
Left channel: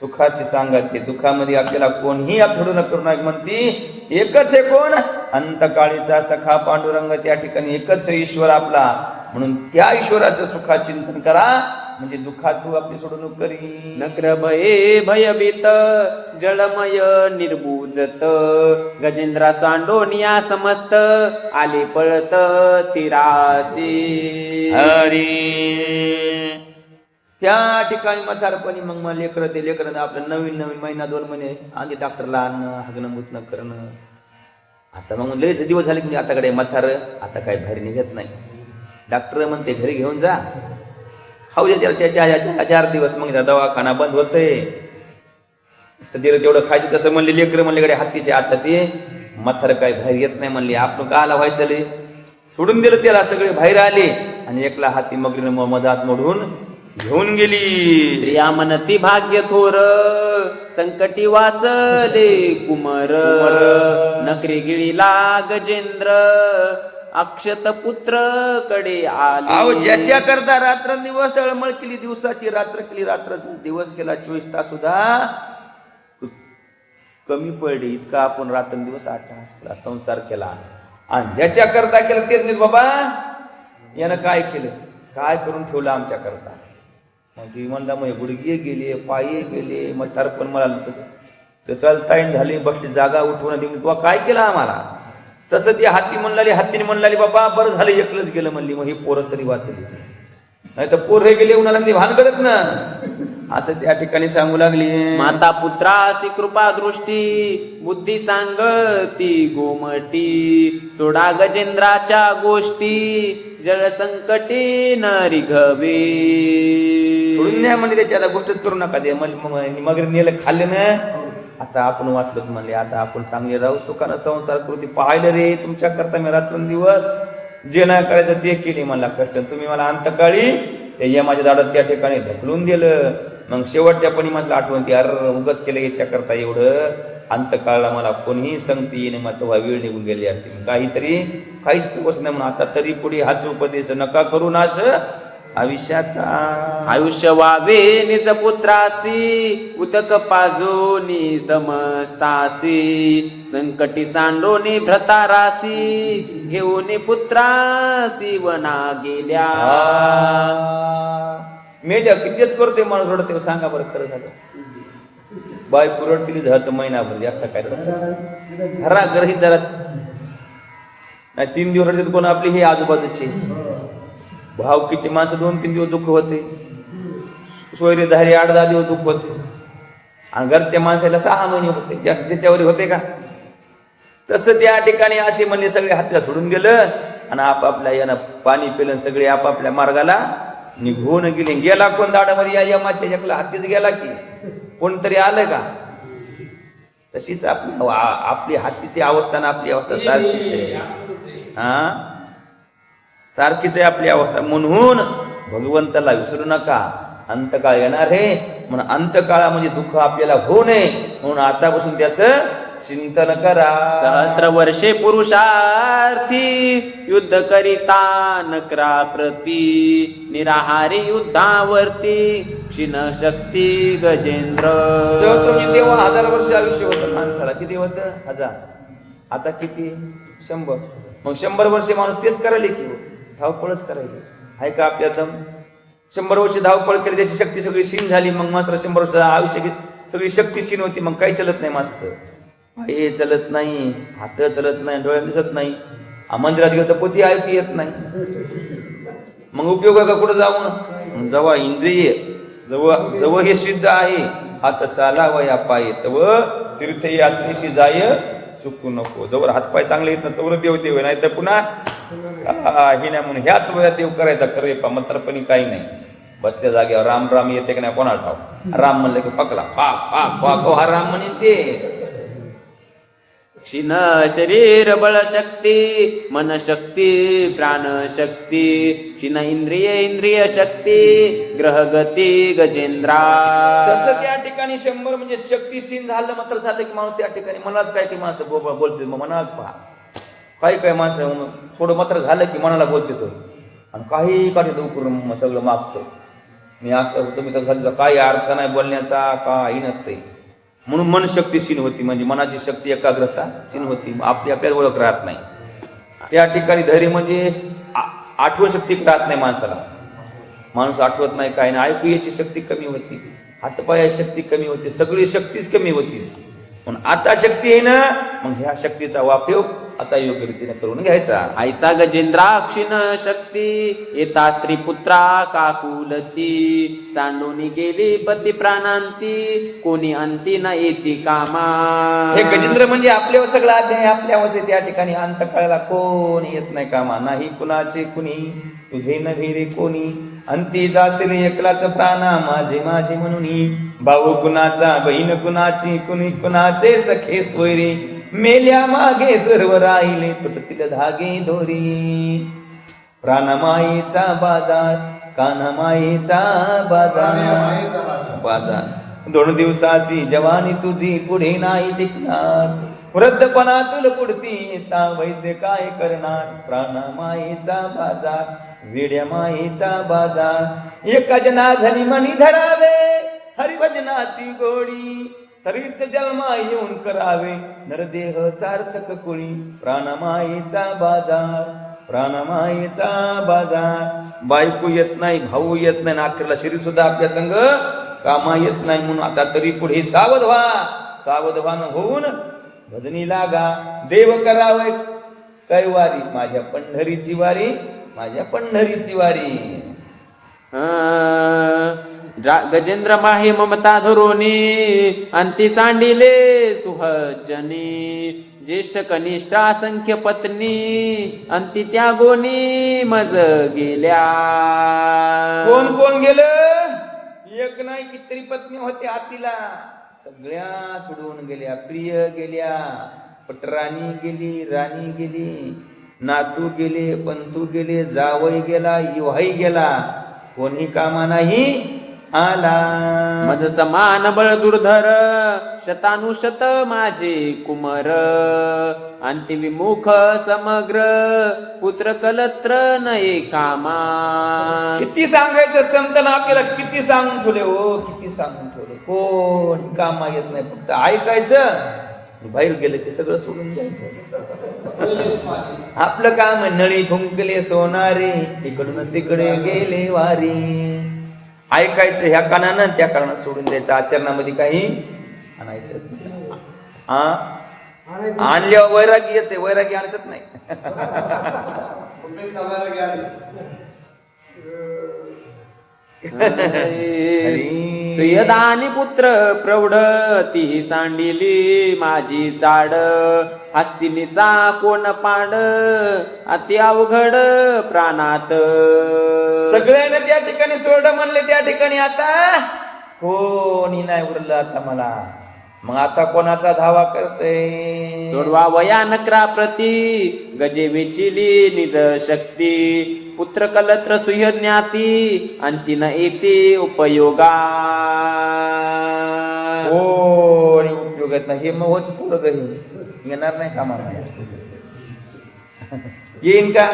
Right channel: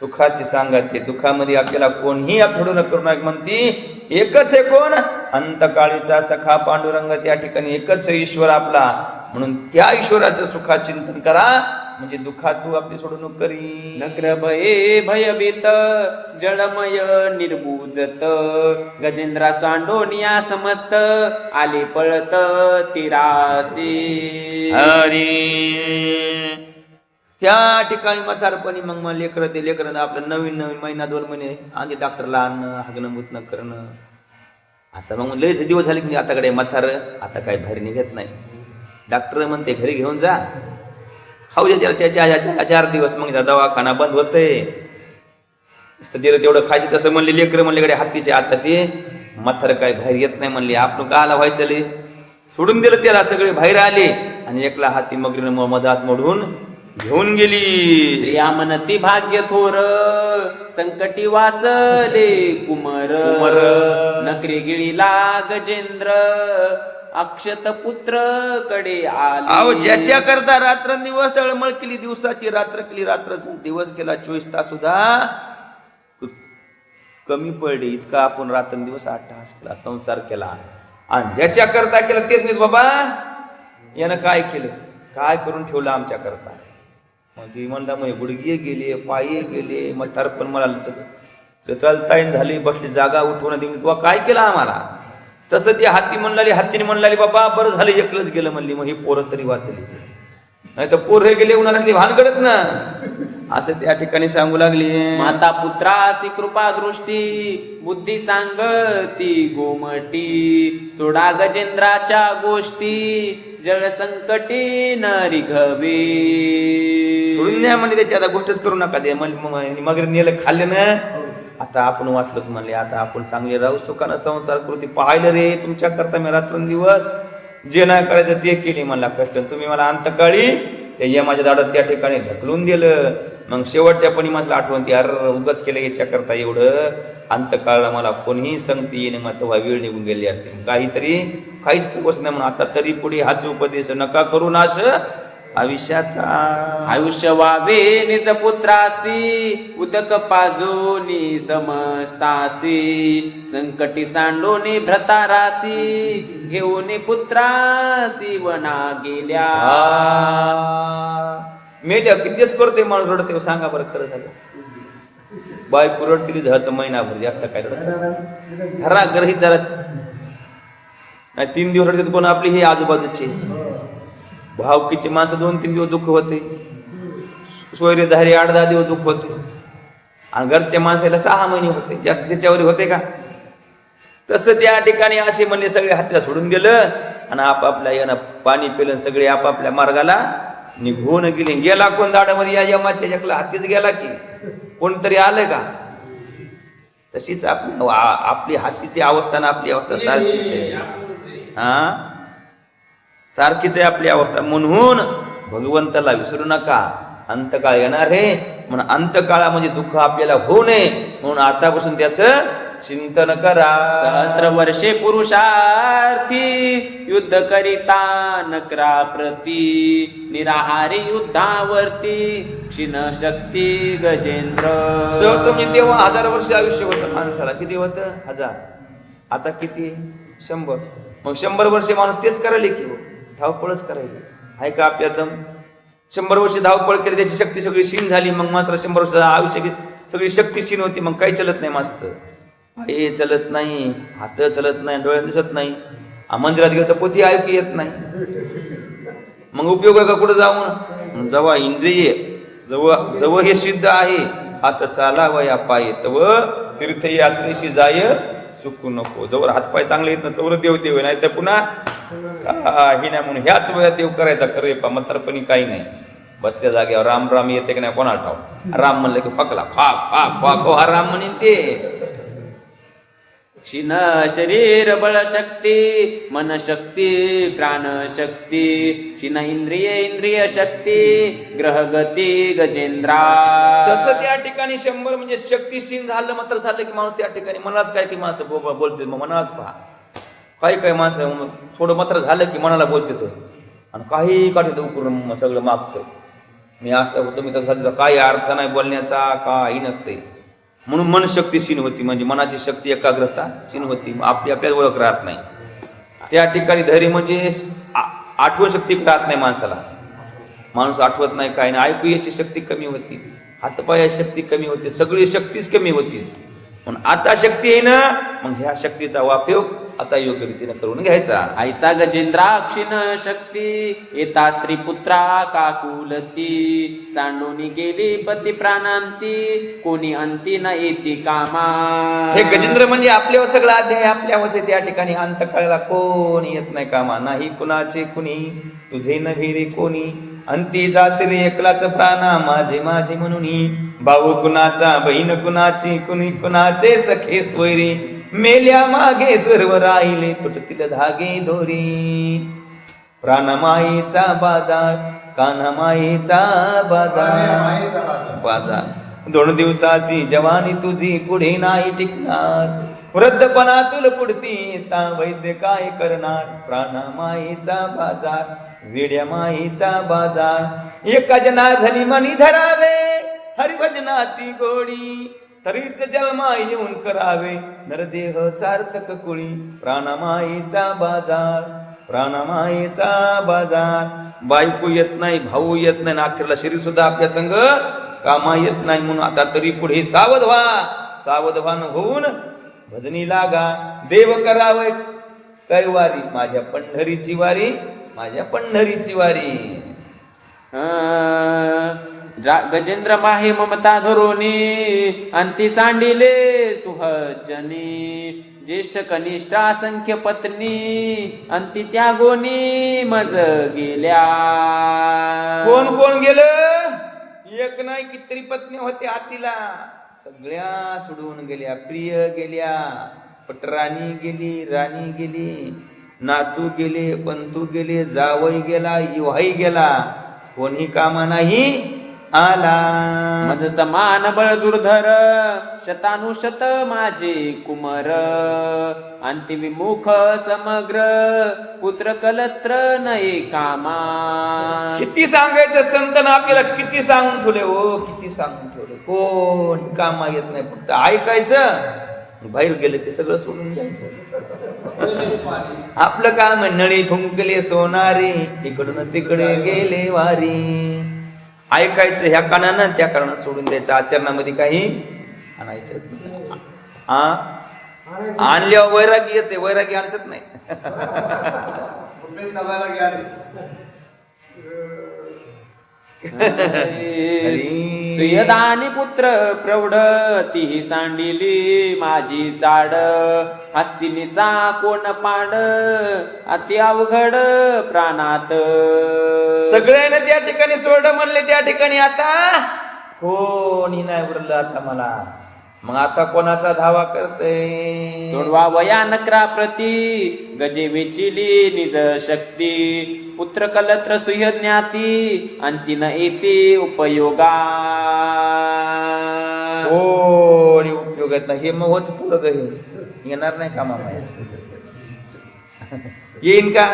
सुखाची सांगायचे दुःखामध्ये आपल्याला कोणीही आपलं करू नये म्हणती. एकच आहे कोण अंतकाळीचा सखा पांडुरंग. त्या ठिकाणी एकच ईश्वर आपला. म्हणून त्या ईश्वराचं सुखा चिंतन करा म्हणजे दुःखात तू आपली सोडवणूक करी. नक्र भये भयभीत जळमय निर्बुजत गजेंद्रा सांडोनिया समस्त आले पळत तिरासी. त्या ठिकाणी म्हातारपणी मग लेकरं ते लेकरं आपलं नवीन महिना 2 महिने आणि डॉक्टरला आणणं हागणं मुतणं करणं. आता मग लयच दिवस झाले की आताकडे म्हातार आता काय बाहेर निघत नाही. डॉक्टर म्हणते घरी घेऊन जा, खाऊ दे त्याला 4 दिवस, मग दवाखाना बंद होतंय. तेवढं खायचं तसं म्हणले लेकरं म्हणले कडे हातीचे. आता ते म्हातार काय बाहेर येत नाही म्हणले. आपण काला व्हायचं ले सोडून दिलं त्याला, सगळे बाहेर आले आणि एकला हाती मगरीनं मधात मोडून घेऊन गेली. प्रिया म्हणती भाग्य थोर संकटी वाचले कुमर नकरी गिळीला गजेंद्र अक्षत पुत्र कडे अहो आले. ज्याच्या करता रात्रंदिवस तळमळ केली, दिवसाची रात्र केली, रात्राचा दिवस केला, 24 तास सुद्धा कमी पडले. इतका आपण रात्रंदिवस 8 तास केला, संसार केला. आणि ज्याच्या करता केलं तेच नाही बाबा यानं काय केलं, काय करून ठेवलं आमच्या करता. मग म्हणला मग गुडघे गेले, पायी गेले, मग पण मला चालता झाली, बसली जागा उठवून दिली, तुला काय केलं आम्हाला. तसं ती हातीने म्हणलाली बाबा बरं झालं एकलंच गेलं म्हणली, मग ही पोरं तरी वाचली. नाही तर पोर हे गेले उन्हाला ती भानगडत ना, असं त्या ठिकाणी सांगू लागली. माता पुत्रासी कृपा दृष्टी बुद्धी सांगती गोमटी सोडा गजेंद्राच्या गोष्टी जळ संकटी न रिघवे. सोडून द्या म्हणजे त्याची आता गोष्टच करू नका. ते मग नेलं खाल्लं ना, आता आपण वाचलं म्हणले, आता आपण चांगले राहू, सुखानं संसार करू. ते पाहिलं रे तुमच्या करता मी रात्रंदिवस जे नाही करायचं ते केले मला कष्ट. तुम्ही मला अंतकाळी त्या यमाच्या दाडात त्या ठिकाणी ढकलून दिलं. मग शेवटच्या पणी मला आठवण ती अर उगत केलं याच्या करता एवढं अंतकाळला मला कोणीही संगती येणे, मग तेव्हा वेळ निघून गेली असते. काहीतरी काहीच पोच नाही म्हणून आता तरी पुढे हाच उपदेश नका करू नाश आयुष्याचा. आयुष्य वावे निज पुत्रासी उदक पाजोनी समस्तासी संकटी सांडोनी भ्रतारासी घेऊन पुत्रासी वना गेल्या. मेल्या कितीच करते माणूस रडते, सांगा बरं खरं झालं. बायको रडती झालं महिनाभर, जास्त काय रडत घरा घरही धरत नाही. 3 दिवस रडते कोण आपली ही आजूबाजूचे भावकीची माणसं 2-3 दिवस दुःख होते, सोयरेधारी 8-10 दिवस दुःख होते, आणि घरच्या माणसाला 6 महिने होते, जास्त त्याच्यावर होते का. तसं त्या ठिकाणी असे म्हणजे सगळे हात्या सोडून गेलं आणि आपापल्या यानं पाणी पिलं, सगळे आपापल्या मार्गाला निघून गेले. गेला कोण दाडामध्ये या यमाच्या एकला हातीच गेला की कोणतरी आलंय का. तशीच आपली हातीची अवस्था ना आपली अवस्था सारखीच आहे. सारखीच आहे आपली अवस्था. म्हणून भगवंताला विसरू नका. अंतकाळ येणार आहे म्हणून अंतकाळा म्हणजे दुःख आपल्याला होऊ नये म्हणून आतापासून त्याचं चिंतन करा. सहस्त्र वर्षे पुरुषार्थी युद्ध करिता नकरा प्रती निराहारी युद्धावरती क्षीण शक्ती गजेंद्र. म्हणजे तेव्हा 1000 वर्ष आयुष्य होतं माणसाला. किती होतं 1000, आता किती 100. मग 100 वर्षे माणूस तेच करायले की धावपळच करायली आहे का आपल्या दम. 100 वर्ष धावपळ केली त्याची शक्ती सगळी क्षीण झाली. मग माणसाला 100 वर्ष आयुष्य सगळी शक्ती क्षीण होती. मग काही चलत नाही माणसाचं, पाय चलत नाही, हात चलत नाही, डोळे दिसत नाही, मंदिरात गेलं तर पोथी ऐकू येत नाही. मग उपयोग आहे का कुठं जाऊन. जेव्हा इंद्रिय जवळ हे सिद्ध आहे हात चालावा या पाय तव तीर्थयात्रेशी जाय चुकू नको. जवळ हातपाय चांगले येत ना तवर देव देव, नाही तर पुन्हा ही नाही म्हणून ह्याच वयात देव करायचा. खरे पा म्हातारपणी काही नाही. बत्या जागेवर राम राम येते की नाही कोणा ठाव. राम म्हणलं की फकला फाक फाक फाक हा राम म्हणे ते. क्षीण शरीर बळ शक्ती मन शक्ती प्राण शक्ती क्षीण इंद्रिय शक्ती ग्रह गती गजेंद्रा. तसं त्या ठिकाणी 100 म्हणजे शक्तीशील झालं मात्र झालं की माणूस त्या ठिकाणी मनाच काय की माणसं बोलते मग मनाच पहा. काही माणसं थोडं मात्र झालं की मनाला बोलते तो आणि काही काढतो करून सगळं मागचं. मी असं होतं मी तसं झालं काही अर्थ नाही बोलण्याचा, काही नसते. म्हणून मन शक्ती क्षीण होती, म्हणजे मनाची शक्ती एकाग्रता क्षीण होती. आपल्याला ओळख राहत नाही. त्या ठिकाणी धैर्य म्हणजे आठवण शक्ती राहत नाही माणसाला. माणूस आठवत नाही काय नाही, ऐकू याची शक्ती कमी होती, हातपायाची शक्ती कमी होती, सगळी शक्तीच कमी होती. पण आता शक्ती आहे ना, मग ह्या शक्तीचा उपयोग आता योग्य रीतीने करून घ्यायचा. ऐसा गजेंद्राक्षिण शक्ती येता स्त्री पुत्रा काकुलती सांडूनी गेली पती प्राणांती कोणी अंती न येती कामा. हे गजेंद्र म्हणजे आपल्यावर सगळा अध्याय आपल्यावर त्या ठिकाणी अंतकाळाला कोणी येत नाही कामा. नाही कुणाचे कुणी तुझे नव्हे रे कोणी अंती जासे एकलाच प्राणा माझे माझे म्हणून. भाऊ कुणाचा बहीण कुणाची कुणी कुणाचे सखे सोयरे मेल्या मागे सर्व राहिले तुटतील धागे दोरी. प्राणमाईचा बाजार कान्हामाईचा बाजार 2 दिवसाची जवानी तुझी पुढे नाही टिकणार. वृद्धपणा तुला पुढती येता वैद्य काय करणार. प्राणमाईचा बाजार वेड्या माईचा बाजार. एका जनाधनी मनी धरावे हरिभजनाची गोडी तरीच जन्मा येऊन करावे नरदेह सार्थक कुळी. प्राणमाईचा बाजार प्राणमाईचा बाजार. बायको येत नाही, भाऊ येत नाही, अखेरला शरीर सुद्धा आपल्या संग कामा येत नाही. म्हणून आता तरी पुढे सावध व्हा. सावधवान होऊन भजनी लागा. देव करावे कैवारी माझ्या पंढरीची वारी माझ्या पंढरीची वारी. गजेंद्र माहे ममता धरोनी अंती सांडिले सुहजनी. ज्येष्ठ कनिष्ठ असंख्य पत्नी अंती त्यागोनी मज गेल्या. कोण कोण गेलं? एक नाही कितीतरी पत्नी होते हातीला, सगळ्या सोडून गेल्या. प्रिय गेल्या, पटराणी गेली, राणी गेली, नातू गेले, पंतू गेले, जावई गेला, युहाई गेला, कोणी कामा नाही आला. मज समान बळ दुर्धर शतानुशत माझे कुमर. अंतिविमुख समग्र पुत्र कलत्र नये कामा. किती सांगायचं संतांना आपल्याला, किती सांगून ठेवले हो, किती सांगून ठेवले. कोण कामा येत नाही, फक्त ऐकायचं. बाहेर गेले ते सगळं सोडून जायचं. आपलं काम नळी घुंकले सोनारे तिकडून तिकडे गेले वारी. ऐकायचं ह्या कानानं, त्या कारणात सोडून द्यायचं. आचरणामध्ये काही आणायचं. आणल्यावर वैरागी येते, वैरागी आणत नाही. सुयदानी पुत्र प्रौढ ती सांडिली माझी जाड. हस्तिनीचा कोण पाड अति अवघड प्राणात. सगळ्यांना त्या ठिकाणी सोड म्हणले, त्या ठिकाणी आता कोणी नाही उरलं आता मला. मग आता कोणाचा धावा करते. सोडवा वया नकरा प्रती गजे वेचिली निज शक्ती. पुत्र कलत्र सुयज्ञाती अंतिन एके उपयोगा. कोणी उपयोगात नाही. हे मग होच पुरं काही येणार नाही कामाला. येईन का?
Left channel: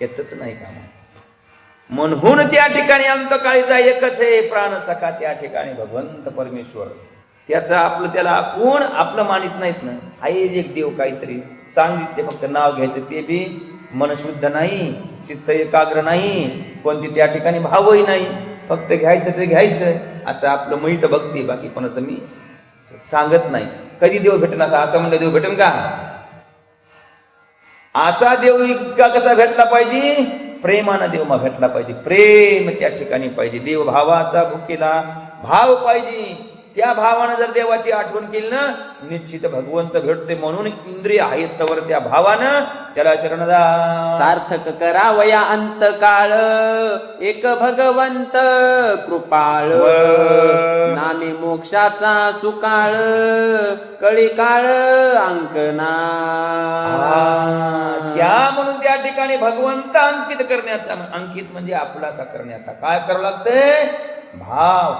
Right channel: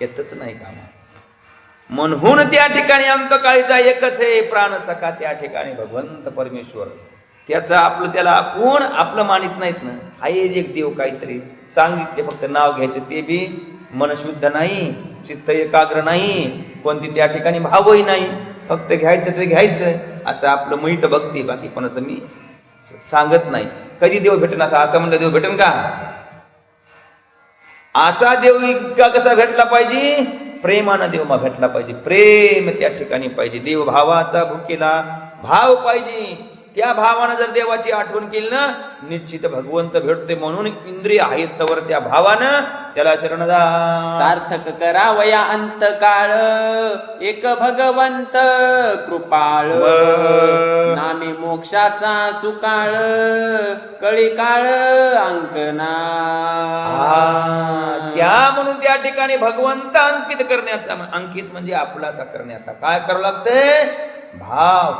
येतच नाही कामा. म्हणून त्या ठिकाणी अंतकाळीचा एकच आहे प्राण सखा. त्या ठिकाणी भगवंत परमेश्वर. त्याचं आपलं त्याला आपण आपलं मानित नाहीत ना. आहे एक देव काहीतरी सांगितले, फक्त नाव घ्यायचं. ते बी मन शुद्ध नाही, चित्त एकाग्र नाही, कोणती त्या ठिकाणी भावही नाही. फक्त घ्यायचं ते घ्यायचं असं आपलं मैत भक्ती. बाकी कोणाचं मी सांगत नाही. कधी देव भेटेल असं म्हणलं देव भेटेल का? असा देव इतका कसा भेटला पाहिजे? प्रेमानं देव मग भेटला पाहिजे. प्रेम त्या ठिकाणी पाहिजे. देव भावाचा भुकेला भाव पाहिजे. त्या भावानं जर देवाची आठवण केली ना, निश्चित भगवंत भेटते. म्हणून इंद्रिय आहेत तवर त्या भावानं त्याला शरण जा. सार्थक करावया अंतकाळ एक भगवंत कृपाळ. नामे मोक्षाचा सुकाळ कळी काळ अंकना. त्या म्हणून त्या ठिकाणी भगवंत अंकित करण्याचा, अंकित म्हणजे आपलासा करण्याचा काय करावं लागतंय? भाव,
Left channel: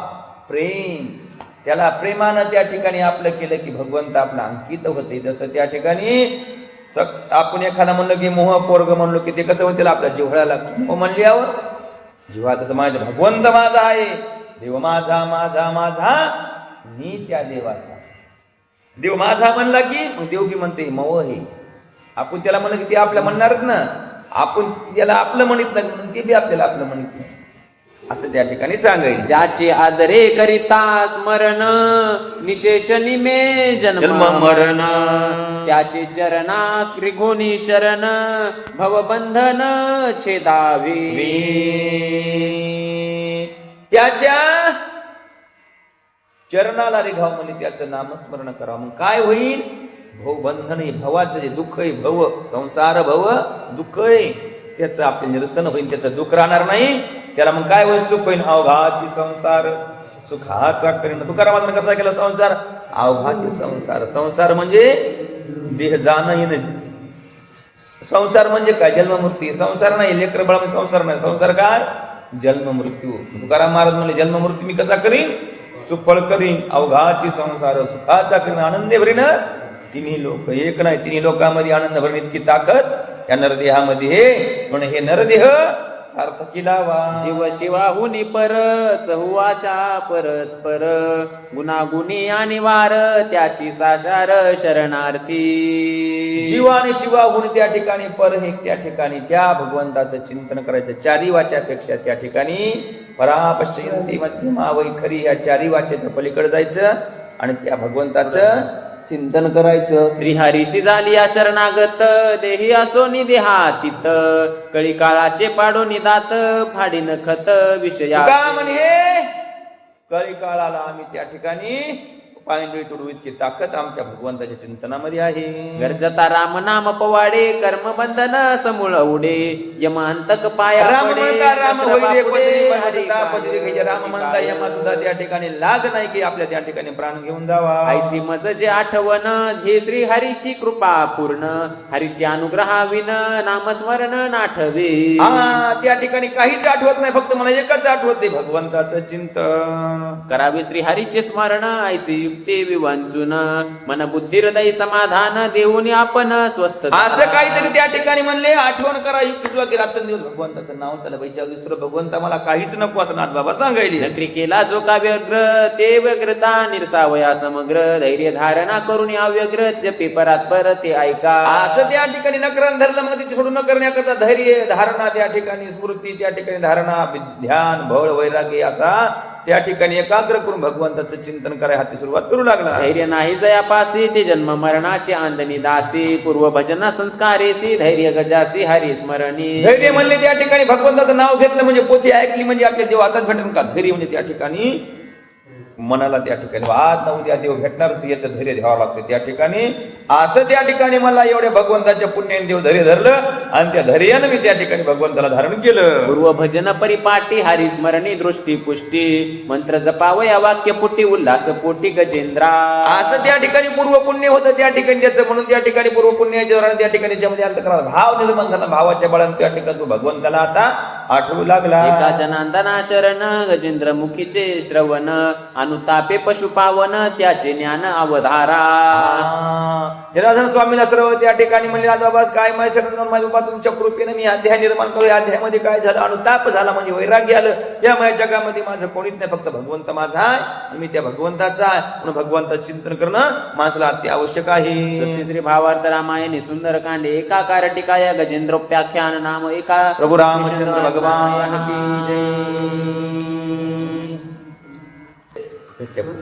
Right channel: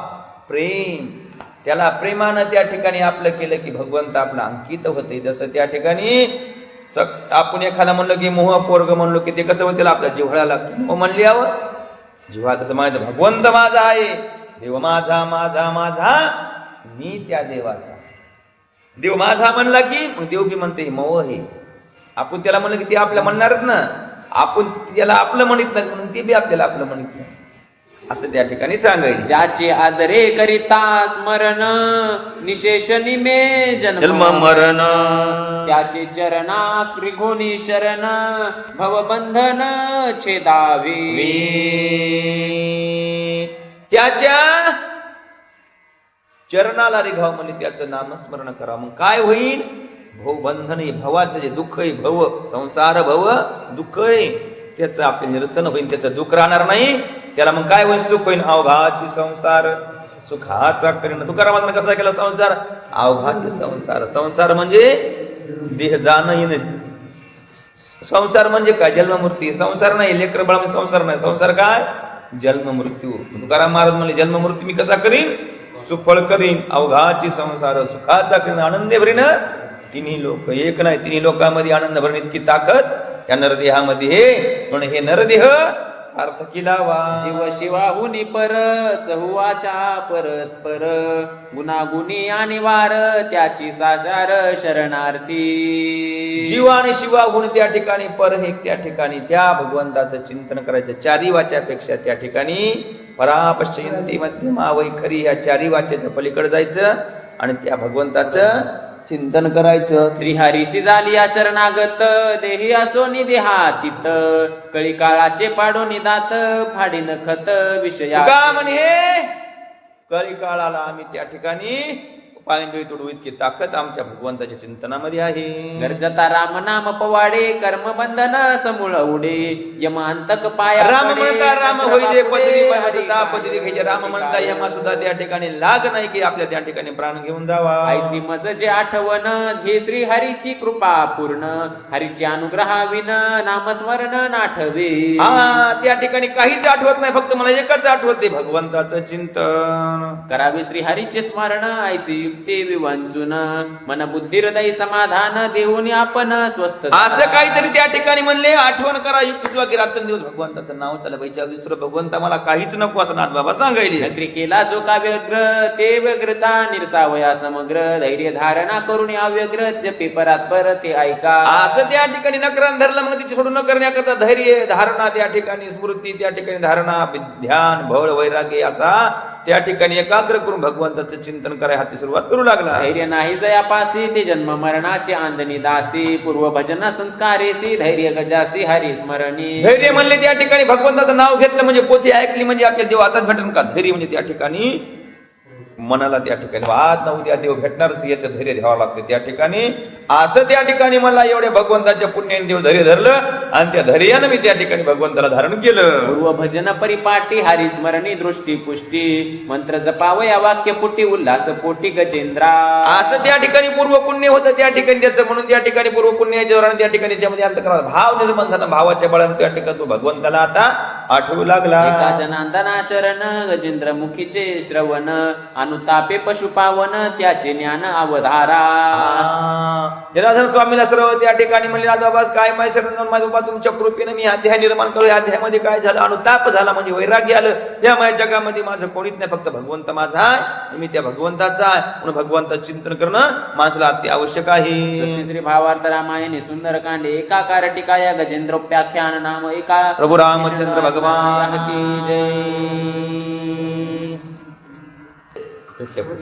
प्रेम. त्याला प्रेमानं त्या ठिकाणी आपलं केलं की भगवंत आपला अंकित होते. जसं त्या ठिकाणी आपण एखादा म्हणलं की मोह पोरग म्हणलो की ते कसं होतं, आपल्या जिव्हाळा लागतो. मोह म्हणल्यावर जिव्हा तसं म्हणायचं भगवंत माझा आहे, देव माझा माझा माझा, मी त्या देवाचा. देव माझा म्हणला की मग देव की म्हणते मोह हे. आपण त्याला म्हणलं की ते आपल्या म्हणणारच ना. आपण त्याला आपलं म्हणत नाही म्हणून ते बी आपल्याला आपलं म्हणत नाही. असं त्या ठिकाणी सांगायचं. ज्याचे आदरे करिता स्मरण निशेष निमे जन्म मरण त्याचे चरणा त्रिगुणी शरण भवबंधन छेदावे. त्याच्या चरणाला रिघाव म्हणजे त्याचं नामस्मरण करा. मग काय होईल? भवबंधन, भवाचं जे दुःख आहे, भव संसार भव दुःख आहे, त्याचं आपले निरसन होईल, त्याचं दुःख राहणार नाही. त्याला मग काय होईल? सुख होईल. अवघाची संसार सुखाचा करीन. तुकारामानं कसा केला संसार? अवघाची संसार. संसार म्हणजे देह जाणं येणं. संसार म्हणजे काय? जन्ममृत्यू. संसार नाही, लेकर बाळ संसार नाही. संसार काय? जन्म मृत्यू. तुकाराम महाराज म्हणजे जन्म मृत्यू मी कसा करीन? सुफळ करीन. अवघाची संसार सुखाचा करीन, आनंदे भरीन. तिन्ही लोक एक नाही, तिन्ही लोकांमध्ये आनंद भरीन इतकी ताकद या नरदेहामध्ये हे. म्हणून हे नरदेह सार्थकी लावा. जीव शिवाहुनी पर चहुवाचा परत पर गुणागुणी आणि वार त्याची सासार शरणार्थी. जीव आणि शिवाहून त्या ठिकाणी पर हे, त्या ठिकाणी त्या भगवंताचं चिंतन करायचं. चारी वाच्यापेक्षा त्या ठिकाणी परापश्चिंती मध्यमा वैखरी या चारी वाच्याच्या पलीकडे जायचं आणि त्या भगवंताचं चिंतन करायचं. श्रीहरीसी झाली या शरणागत देही असोनी देहातीत कळी काळाचे पाडो निदात फाडीन खत विषया. का म्हणे कळी काळाला आम्ही त्या ठिकाणी पायंदळी तोडू इतकी ताकद आमच्या भगवंताच्या चिंतनामध्ये आहे. गरजता राम नाम पवाडे कर्म बंधन समूळ उडे यम अंतक पाया. राम म्हणता राम होईले पदरी म्हणता पदरी घ्यायचे. राम म्हणता यमा सुद्धा त्या ठिकाणी लाग नाही की आपल्या त्या ठिकाणी प्राण घेऊन जावा. ऐसी मज जे आठवण हे श्री हरीची कृपा पूर्ण हरीची अनुग्रहाविन नामस्मरण नाठवे. हा, त्या ठिकाणी काहीच आठवत नाही, फक्त मला एकच आठवते, भगवंताचं चिंतन करावे. श्री हरीचे स्मरण ऐसी युक्ती विवंचून मन बुद्धी हृदय समाधान देऊन आपण स्वस्थ. असं काहीतरी त्या ठिकाणी म्हणले. आठवण करा, युक्त की रात्रंदिवस भगवंताचं नाव चाला पाहिजे. दुसरं भगवंता मला काहीच नको असं नाथ बाबा सांगायले. नकरी केला जो का व्यग्र ते व्यग्रता निरसावया समग्र धैर्य धारणा करून अव्यग्र जपे परात पर ते ऐका. असं त्या ठिकाणी नकरण धरलं, मग तिथे सोडून न करण्याकरता धैर्य धारणा त्या ठिकाणी स्मृती त्या ठिकाणी धारणा ध्यान बळ वैराग्य असा त्या ठिकाणी एकाग्र करून भगवंताचं चिंतन करायला हाती सुरुवात करू लागला. धैर्य नाही जयापासी ते जन्म मरणाचे आंदनी दासी पूर्व भजना संस्कारेसी धैर्य गजासी हरी स्मरणी. धैर्य म्हणले त्या ठिकाणी भगवंताचं नाव घेतलं म्हणजे पोथी ऐकली म्हणजे आपल्या देव आताच भेटन का? धैर्य म्हणजे त्या ठिकाणी मनाला त्या ठिकाणी आज ना उद्या देव भेटणारच याचं धैर्य घ्यावं लागतं त्या ठिकाणी. असं त्या ठिकाणी मला एवढ्या भगवंताच्या पुण्याने देव धैर्य धरलं आणि त्या धैर्यानं मी त्या ठिकाणी भगवंताला धारण केलं. पूर्व भजन परिपाटी हरी स्मरणी दृष्टी पुष्टी मंत्र जपावया वाक्य पुटी उल्हास पोटी गजेंद्रा. असं त्या ठिकाणी पूर्व पुण्य होतं त्या ठिकाणी त्याचं, म्हणून त्या ठिकाणी पूर्व पुण्याच्या त्या ठिकाणी ज्यामध्ये अंतःकरणात भाव निर्माण झाला, भावाच्या बळाने त्या ठिकाणी तो भगवंताला आता आठवू लागला. एका जनांदना शरण गजेंद्र मुखीचे श्रवण अनुतापे पशुपावन त्याचे ज्ञान अवधारा. जनार्दन स्वामीला सर्व त्या ठिकाणी म्हणले बाबा काय माझ्या शरण माझ्या बाबा तुमच्या कृपेने मी अध्याय निर्माण करू. या अध्यायामध्ये काय झालं? अनुताप झाला म्हणजे वैराग्य आलं. या माझ्या जगामध्ये माझं कोणीच नाही, फक्त भगवंत माझा आहे, मी त्या भगवंताचा आहे. म्हणून भगवंताचं चिंतन करणं माणसाला अति आवश्यक आहे. श्री भावार्थ रामायणे सुंदर कांडे एकाकार टिकाया गजेंद्रोपाख्यान नाम एका. प्रभु रामचंद्र भगवान की जय.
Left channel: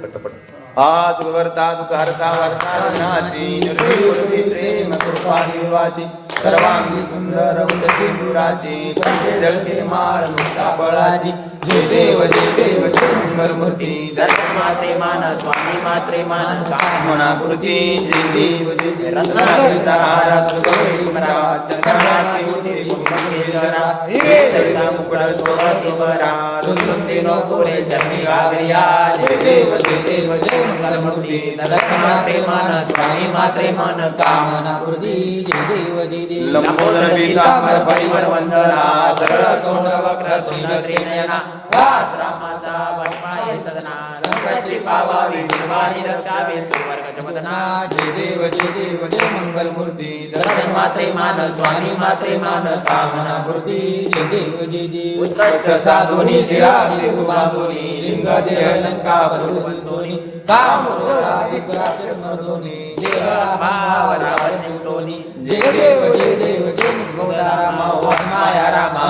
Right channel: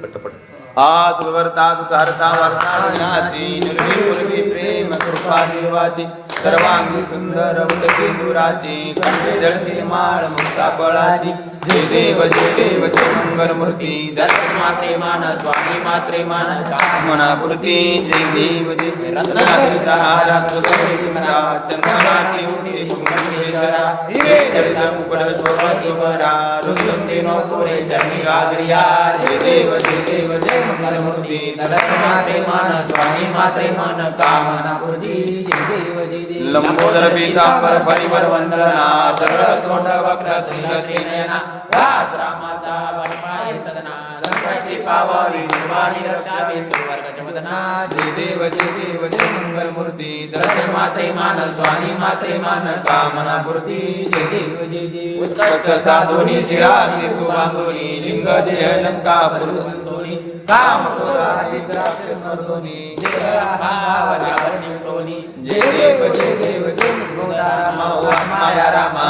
पटपट आ सुरवर्ता दुःखहर्ता वर्ता विनाशी निर्गुणी प्रेम कृपा निर्वाची सर्वांगी सुंदर उदकी दुराची कंठे जळते माळ मुक्ता बळाची. जय देव जय देव जय मंगलमूर्ती दर्शन मात्रे मान स्वामी मात्रे मान मनापूर्ती. जय देव जय देव रत्नाकरिता रात्र गौरी मरा चंद्राची मुक्ती मुकेशरा जडिता मुकुट सोबत तुमरा रुंदुंदी नो तोरे चरणी गागरिया. जय देव जय देव जय मंगलमूर्ती दर्शन मात्रे मान स्वामी मात्रे मान कामनापूर्ती. जय देव जय देव लंबोदर पीतांबर परिवर वंदना सरळ तोंड वक्र त्रिशक्ती नयना दास रामाचा वैपाय सदना संकटी पावावी निर्वाणी रक्षावी सुवर्गमदना. जय देव जय देव जय मंगलमूर्ती दर्शन मात्रे मान स्वामी मात्रे मान कामनापूर्ती. जय देव जय देव उत्कृष्ट साधुनी शिराशी उभागुनी लिंग देह लंका पुरुष सोनी काम क्रोधाधिक राक्षस मर्दोनी जय रावणी टोनी. जय देव जय देव जय गोदा रामा माया रामा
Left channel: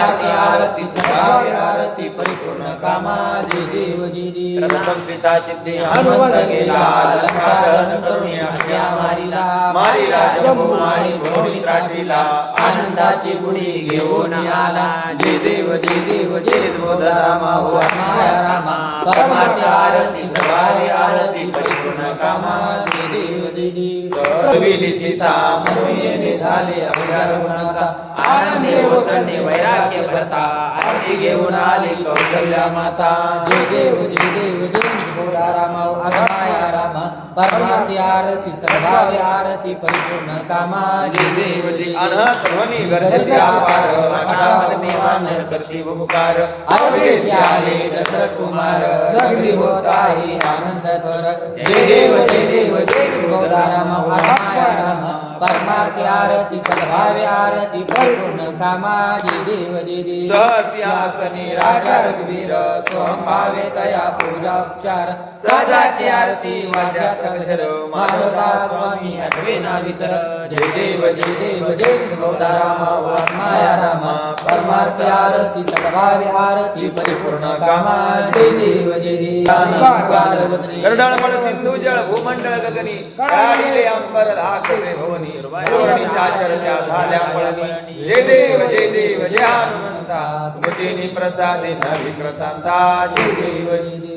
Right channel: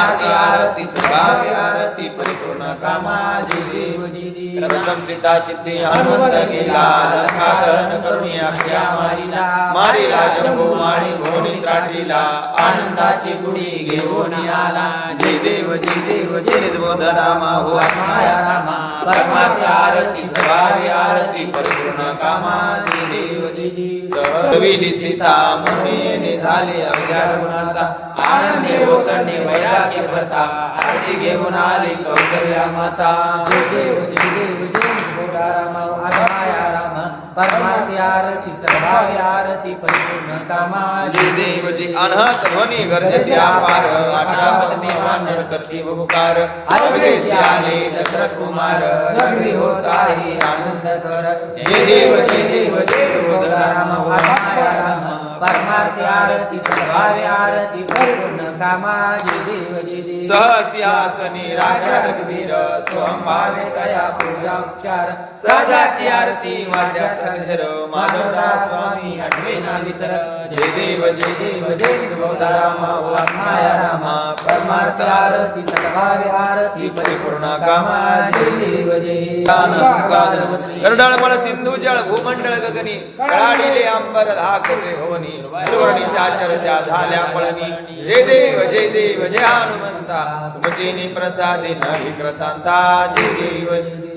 परमार्थ आरती संभाव्य आरती परिपूर्ण कामा जय देव जय देव प्रथम सीता सिद्धी हनुमंत लीला लंकादहन करुणी अक्षया मारिला मारिला जंबू माळी भोणी त्राटीला आनंदाची गुणी घेऊन आला जय देव जय देव जय बोध रामा हो माया रामा परमार्थ आरती संभाव्य आरती परिपूर्ण कामा जय देव जय देव कविली सीता म्हणून झाले अवघ्या गुणाता आनंदे ओसंडे वैराग्य भरता आरती घेऊन आली कौशल्या माता जय देव जय देव जय बोधा रामा माया रामा परमार्थ आरती संभाव्य आरती परिपूर्ण कामा जय देव जय अनहत ध्वनी गर्जते अपार आठावणे वानर करते उपकार अवधेशी आले दशरथ कुमार नगरी होत आहे आनंद कर जय देव जय देव जय बोधा रामा माया रामा परमार्थ आरती संभाव्य आरती परिपूर्ण कामा जय देव जय देव सहस्यासनी राजा रघुवीर स्वयं भावे तया पूजा उपचार सदाची आरती वाद्याचा गजर माधवदास स्वामी आठवे ना विसर जय देव जय बोधा रामा माया रामा परमार्थ आरती संभाव्य आरती परिपूर्ण कामा जय देव जय देव गरुडमळ सिंधू जळ भूमंडळ गगनी कळाडीले अंबर धाकरे भवनी सुवर्णीच्या चरत्या झाल्या पळणी जय देव जय हनुमंता भजनी प्रसादे न विक्रतांता जय देव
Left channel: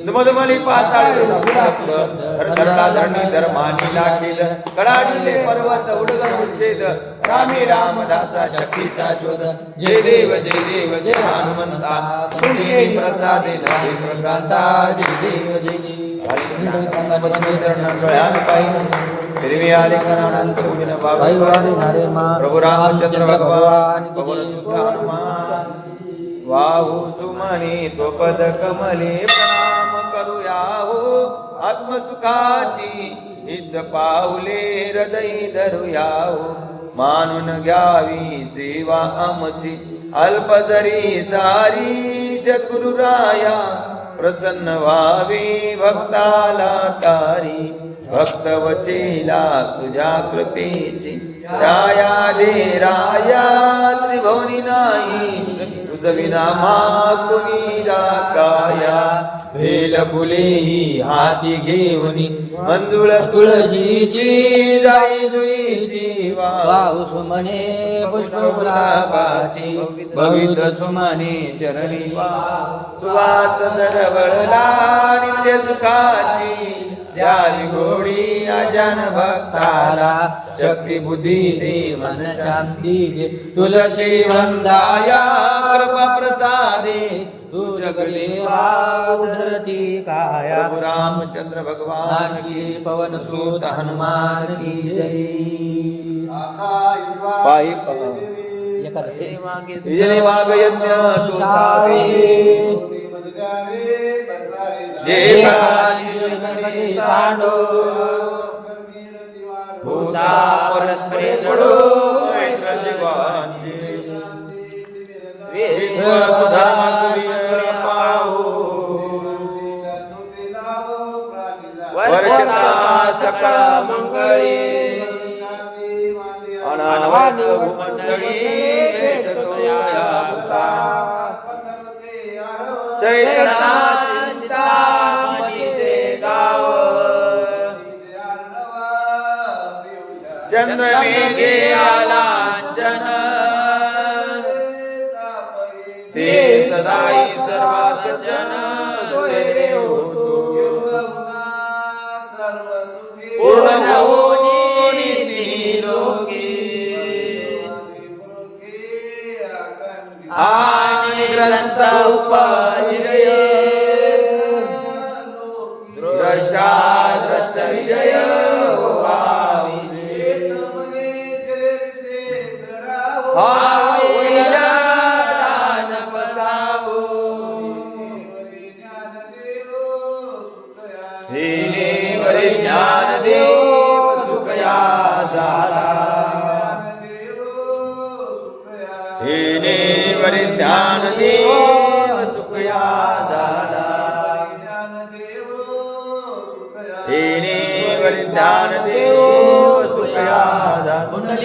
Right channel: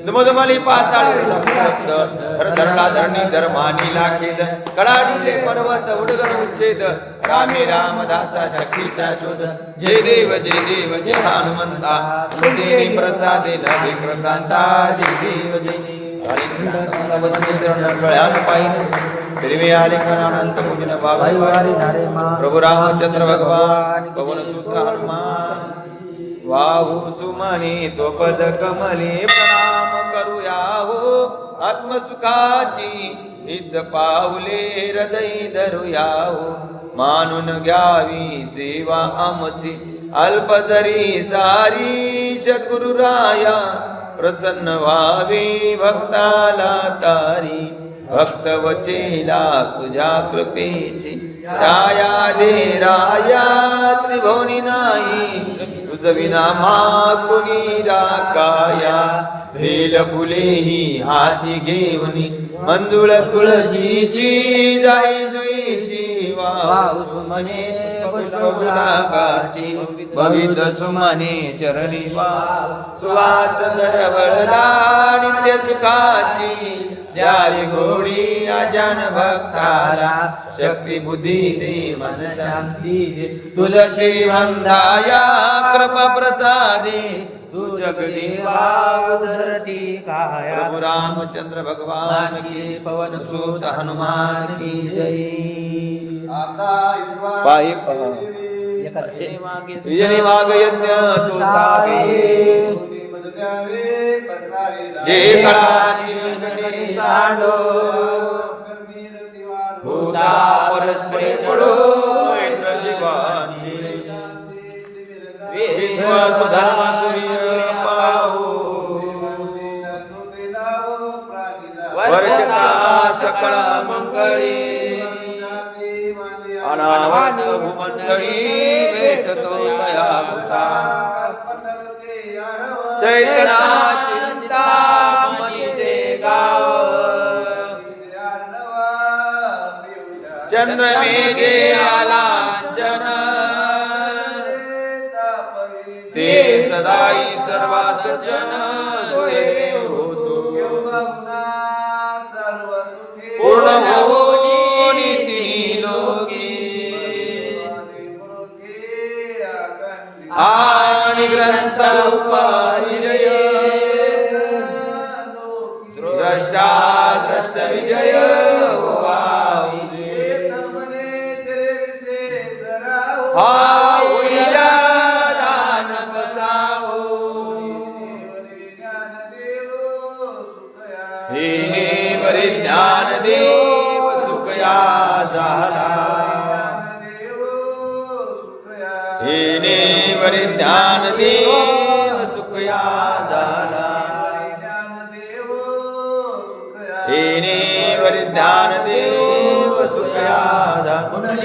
दुमदुमली पाताळ धरधरला धरणी धर्मानी लाखेद कळाडीले पर्वत उडगण उच्छेद रामी रामदासा शक्तीचा शोध जय देव जय हनुमंता भजनी प्रसादे न विक्रतांता जय देव जय प्रभु रामचंद्र भगवान पवन सुत हनुमान वाहू सुमनी तो पद कमली प्रणाम करूया हो आत्मसुखाची हीच पाऊले हृदय धरूया हो मानून घ्यावी सेवा आमची अल्प जरी सारी सद्गुरुराया प्रसन्न व्हावी भक्ताला तारी भक्त वचेला तुझ्या कृपेची छाया दे राया त्रिभुवनी नाही तुझ विना कोणी काया भेल फुलेही हाती घेवनी मंजुळ तुळशीची जाई जुईची वाहू सुमने पुष्पगुलाबाची भवित सुमने चरणी सुवास दरवळला नित्य सुखाची द्यावी गोडी अजान भक्ताला शक्ती बुद्धी दे मन शांती दे तुलसी वंदाया कृपा प्रसादे तू जगदेवा धरती काया प्रभु रामचंद्र भगवान की पवन सूत हनुमान की जय पायी यजनी वाग यज्ञ तू सावे जे काळाची सांडो भूता परस्परे पडो मैत्र जीवांची विश्व धर्म सूर्य पाहू वर्षता सकळ मंगळी अनावत भूमंडळी भेटतो दया भूता चैतना चिंता मनीचे गाव चंद्रमेघे आलांचन ते सदाई सर्वा सज्जन सोय होतो पूर्ण होई तिन्ही लोकी आणि ग्रंथ उपविजय द्रष्टा द्रष्ट विजय हा होईल दान बसावो हे बरे ज्ञान देव सुखया झाला हे बरे ज्ञान देव सुखया झाला हे बरे ज्ञान देव सुखया झाला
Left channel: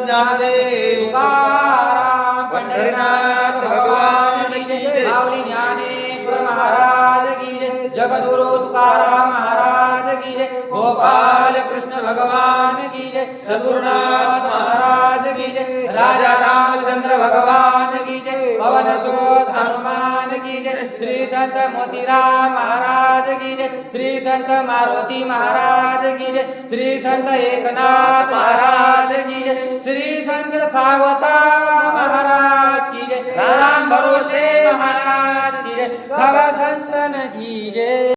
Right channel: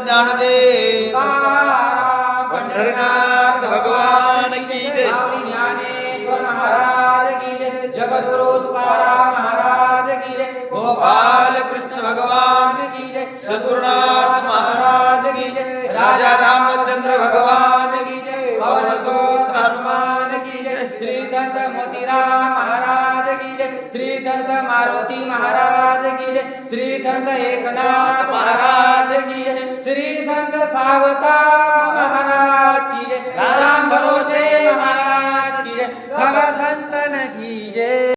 ज्ञानदेव पंढरीनाथ भगवान की जय. माऊली ज्ञानेश्वर महाराज की जय. जगद्गुरु तुकाराम महाराज की जय. गोपाल कृष्ण भगवान की जय. सद्गुरुनाथ महाराज की जय. राजा रामचंद्र भगवान की जय. पवन सुत हनुमान की जय. श्री संत मोतीराम महाराज की जय. श्री संत मारुति महाराज की जय. श्री संत एकनाथ महाराज की जय. श्री संत सावता महाराज की जय. राम भरोसे